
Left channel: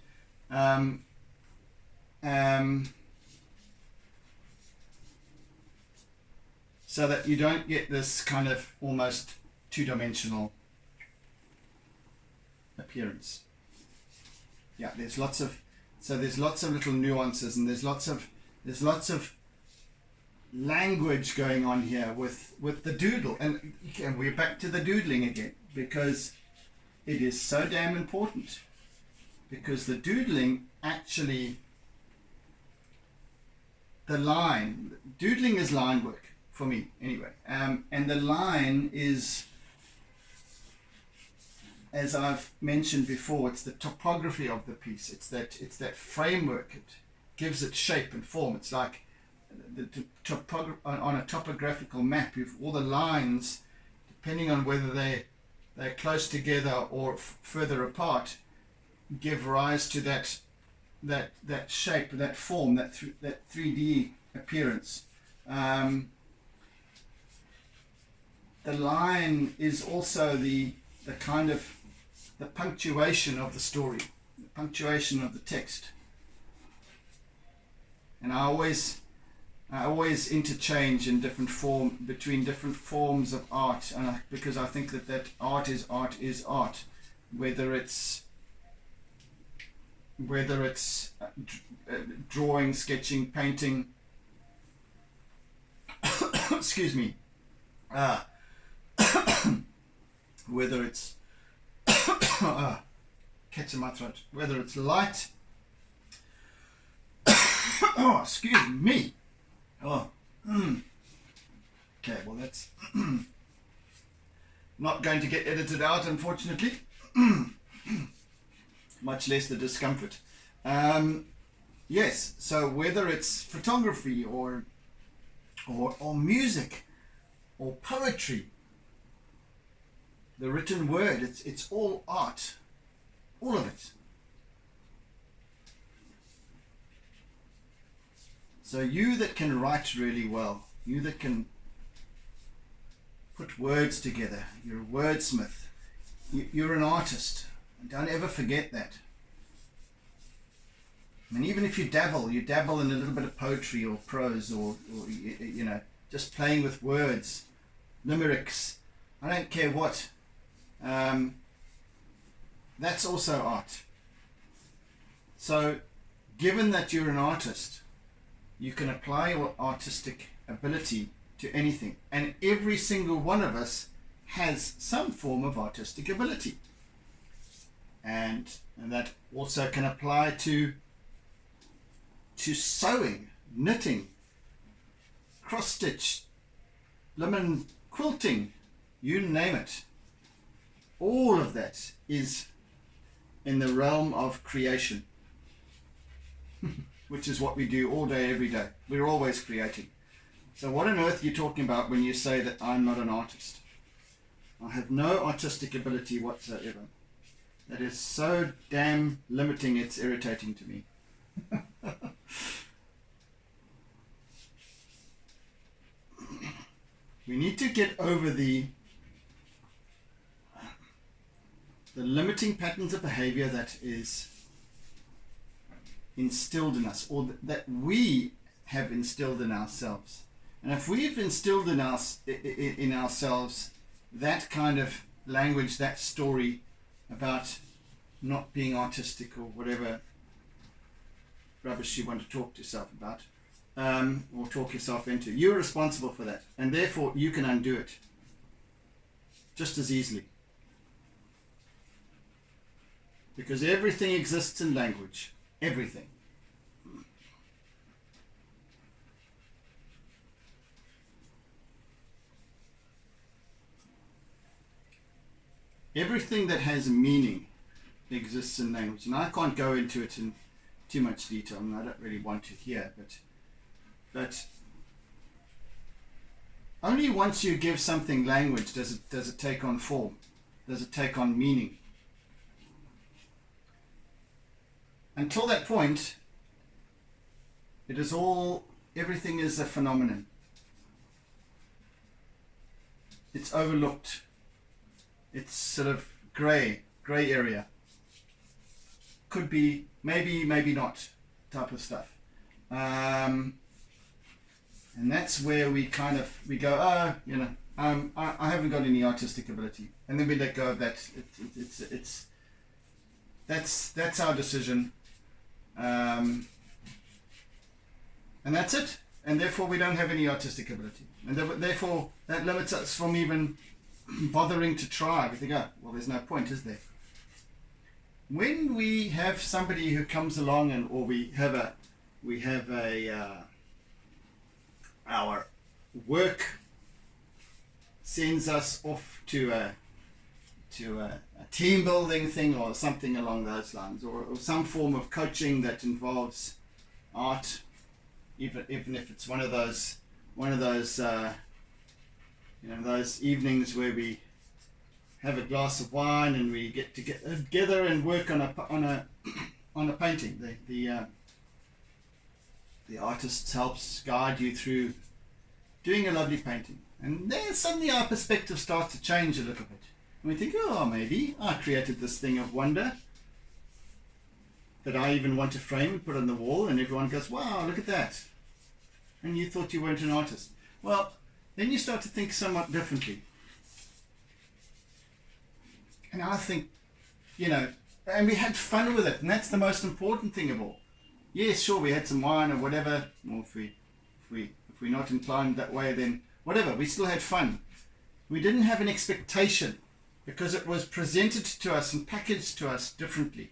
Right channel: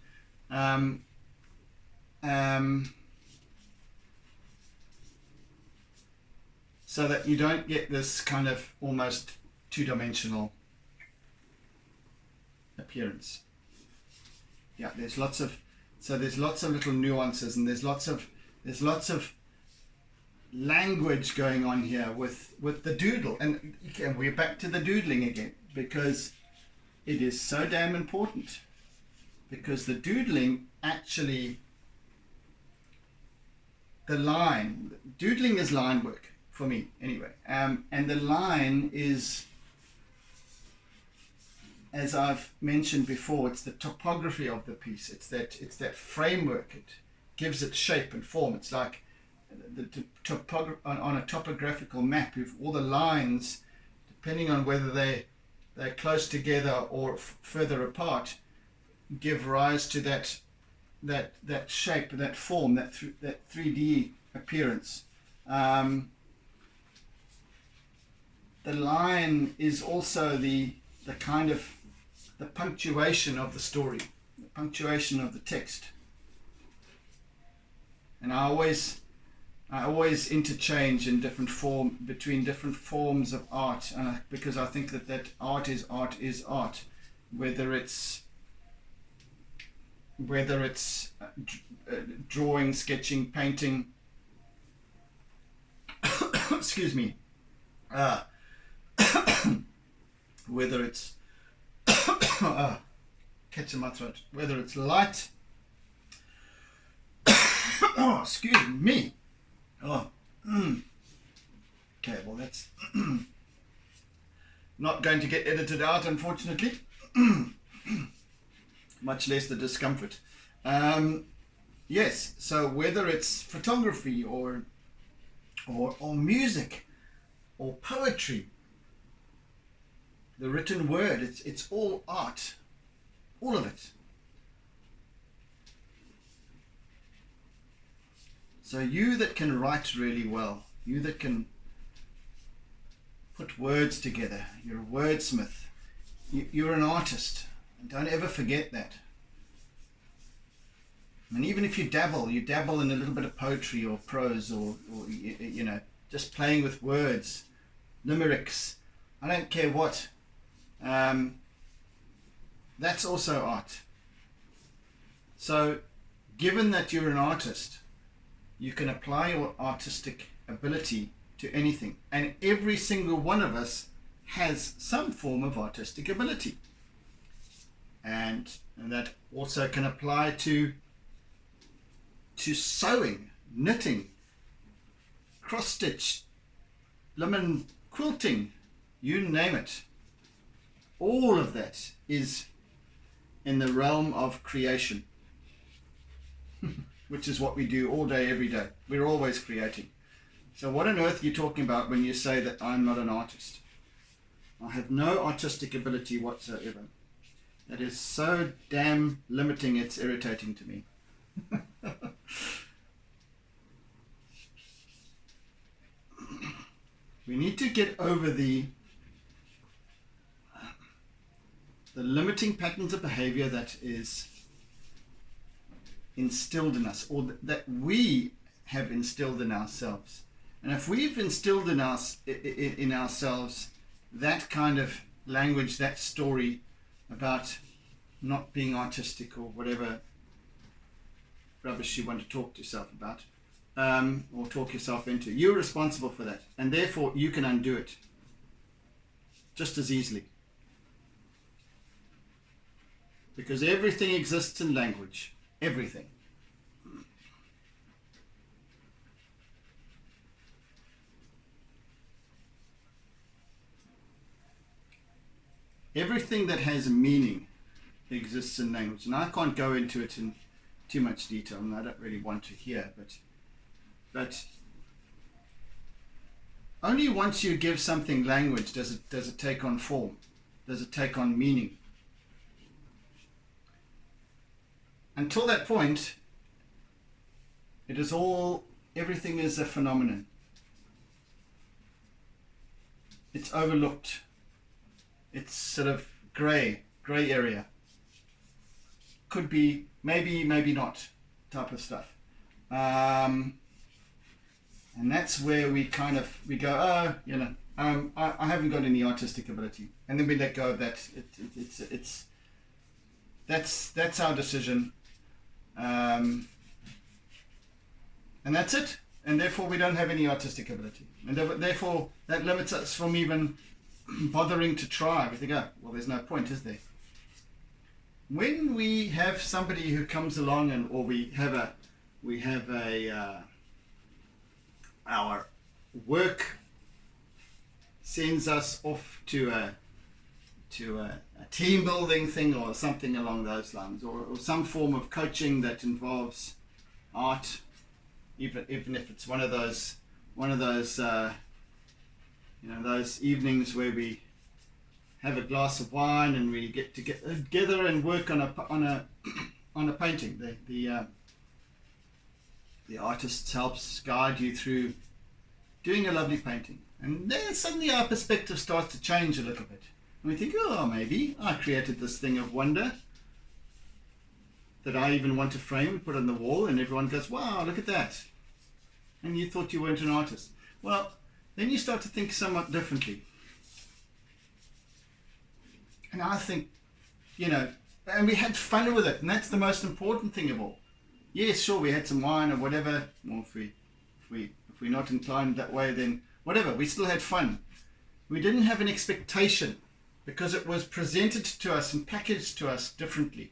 So that you don't get this kind of almost two-dimensional appearance. Yeah, there's lots of little nuances, and there's lots of language going on here with the doodle, and we're back to the doodling again, because it is so damn important, because the doodling actually, doodling is line work for me anyway, and the line is, as I've mentioned before, it's the topography of the piece. It's that framework. It gives it shape and form. It's like on a topographical map. You've all the lines, depending on whether they're close together or further apart, give rise to that shape, that form, that 3D appearance. The line is also the kind of the punctuation of the story, the punctuation of the text. And I always interchange in between different forms of art, and because I think that art is art, whether it's drawing, sketching, painting, excuse me, whether it's catch in my throat, whether it's light, oh, excuse me, okay, well, that's not going to get edited out, unfortunately, much less the discomfort. Yes, so whether it's photography or music or poetry, the written word, it's all art, all of it. So you that can write really well, you that can put words together, you're a wordsmith, you're an artist. Don't ever forget that. I mean, even if you dabble in a little bit of poetry or prose or just playing with words, limericks, I don't care what. That's also art. So given that you're an artist, you can apply your artistic ability to anything. And every single one of us has some form of artistic ability. And that also can apply to sewing, knitting, cross stitch, lemon quilting, you name it. All of that is in the realm of creation, which is what we do all day, every day. We're always creating. So what on earth are you talking about when you say that I'm not an artist? I have no artistic ability whatsoever. That is so damn limiting, it's irritating to me. We need to get over the limiting patterns of behavior that is instilled in us, or that we have instilled in ourselves. And if we've instilled in ourselves that kind of language, that story about not being artistic or whatever rubbish you want to talk to yourself about, or talk yourself into, you're responsible for that, and therefore you can undo it just as easily, because everything exists in language. Everything. Everything that has meaning exists in language, and I can't go into it in too much detail, and I don't really want to here, but only once you give something language does it take on form, does it take on meaning. Until that point, everything is a phenomenon. It's overlooked. It's sort of grey area. Could be, maybe not type of stuff. And that's where we go, oh, I haven't got any artistic ability. And then we let go of that. That's our decision. And that's it. And therefore we don't have any artistic ability. And therefore that limits us from even bothering to try. We think, oh, well, there's no point, is there? When we have somebody who comes along, or we have our work sends us off to a team building thing or something along those lines, or some form of coaching that involves art, even if it's one of those those evenings where we have a glass of wine and we get together and work on a painting. The artist helps guide you through doing a lovely painting, and then suddenly our perspective starts to change a little bit. And we think, oh, maybe I created this thing of wonder that I even want to frame and put on the wall, and everyone goes, wow, look at that. And you thought you weren't an artist. Well, then you start to think somewhat differently. And I think, and we had fun with it, and that's the most important thing of all. Yes, sure, we had some wine or whatever, or if we're not inclined that way, then whatever, we still had fun. We didn't have an expectation, because it was presented to us and packaged to us differently.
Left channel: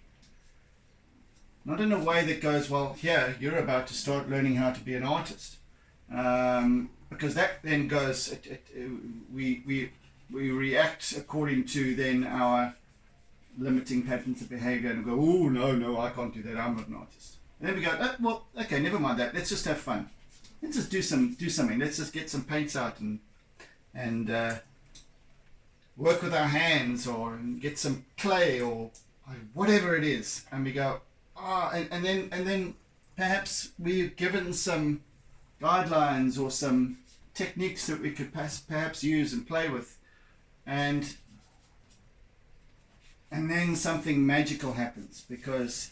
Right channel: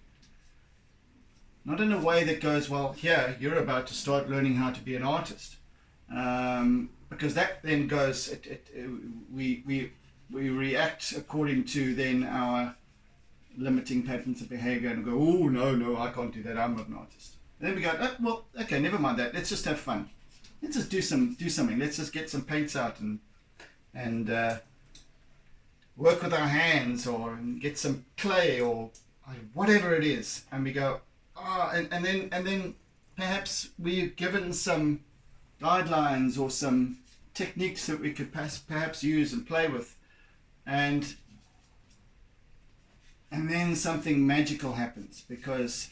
Not in a way that goes, well, here, you're about to start learning how to be an artist. Because that then goes, we react according to then our limiting patterns of behavior and go, oh, no, I can't do that, I'm not an artist. And then we go, oh, well, okay, never mind that, let's just have fun. Let's just do something, let's just get some paints out and work with our hands, or get some clay, or whatever it is. And we go, and then perhaps we've given some guidelines or some techniques that we could perhaps use and play with, and then something magical happens, because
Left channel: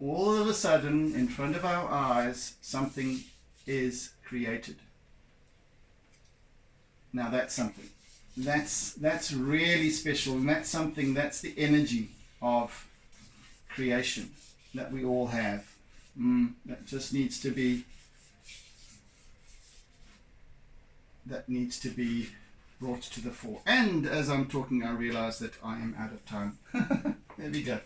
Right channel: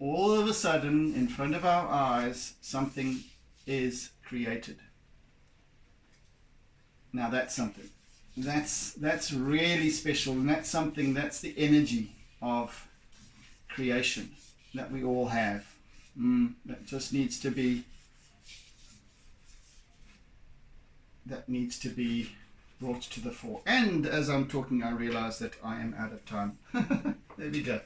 all of a sudden in front of our eyes something is created. Now that's something that's really special, and that's something, that's the energy of creation that we all have. That just needs to be that needs to be brought to the fore. And as I'm talking, I realize that I am out of time. There we go.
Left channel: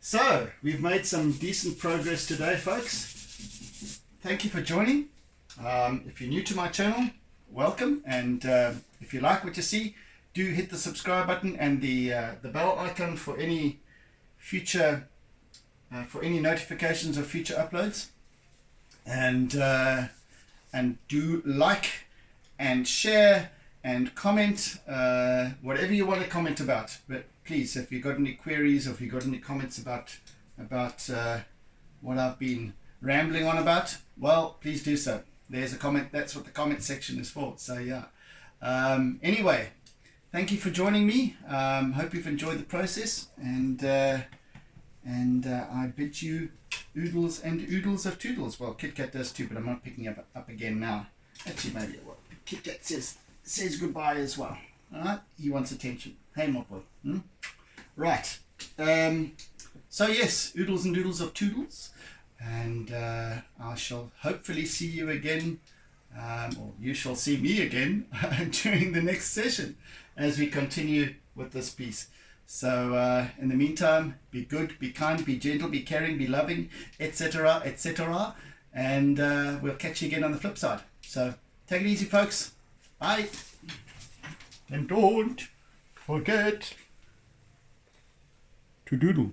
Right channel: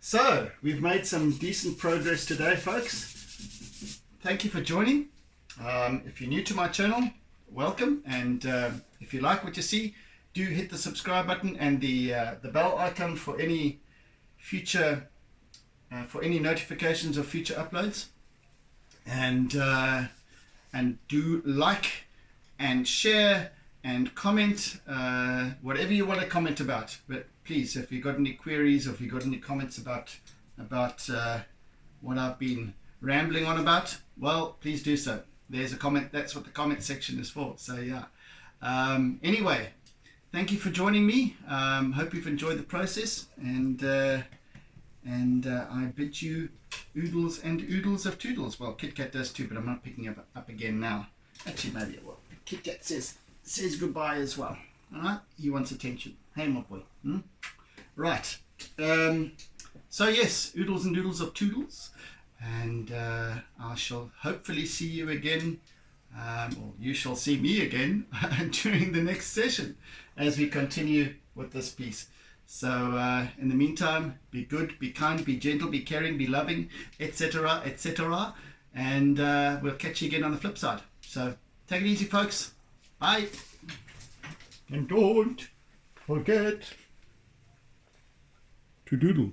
So we've made some decent progress today, folks. Thank you for joining. If you're new to my channel, welcome. And if you like what you see, do hit the subscribe button and the bell icon for any future for any notifications of future uploads. And do like and share and comment whatever you want to comment about. But please, if you've got any queries or if you've got any comments about what I've been rambling on about, well, please do so. There's a comment. That's what the comment section is for. So yeah. Anyway, thank you for joining me. Hope you've enjoyed the process, and I bid you oodles and oodles of toodles. Well, Kit Kat does too, but I'm not picking up again now. Actually, maybe it will. Kit Kat says goodbye as well. All right, he wants attention. Hey, my boy. Right. So yes, oodles and doodles of toodles, and I shall hopefully see you again, or you shall see me again during the next session as we continue with this piece. So in the meantime, be good, be kind, be gentle, be caring, be loving, etc., etc. And we'll catch you again on the flip side. So take it easy, folks. Bye. And don't forget to doodle.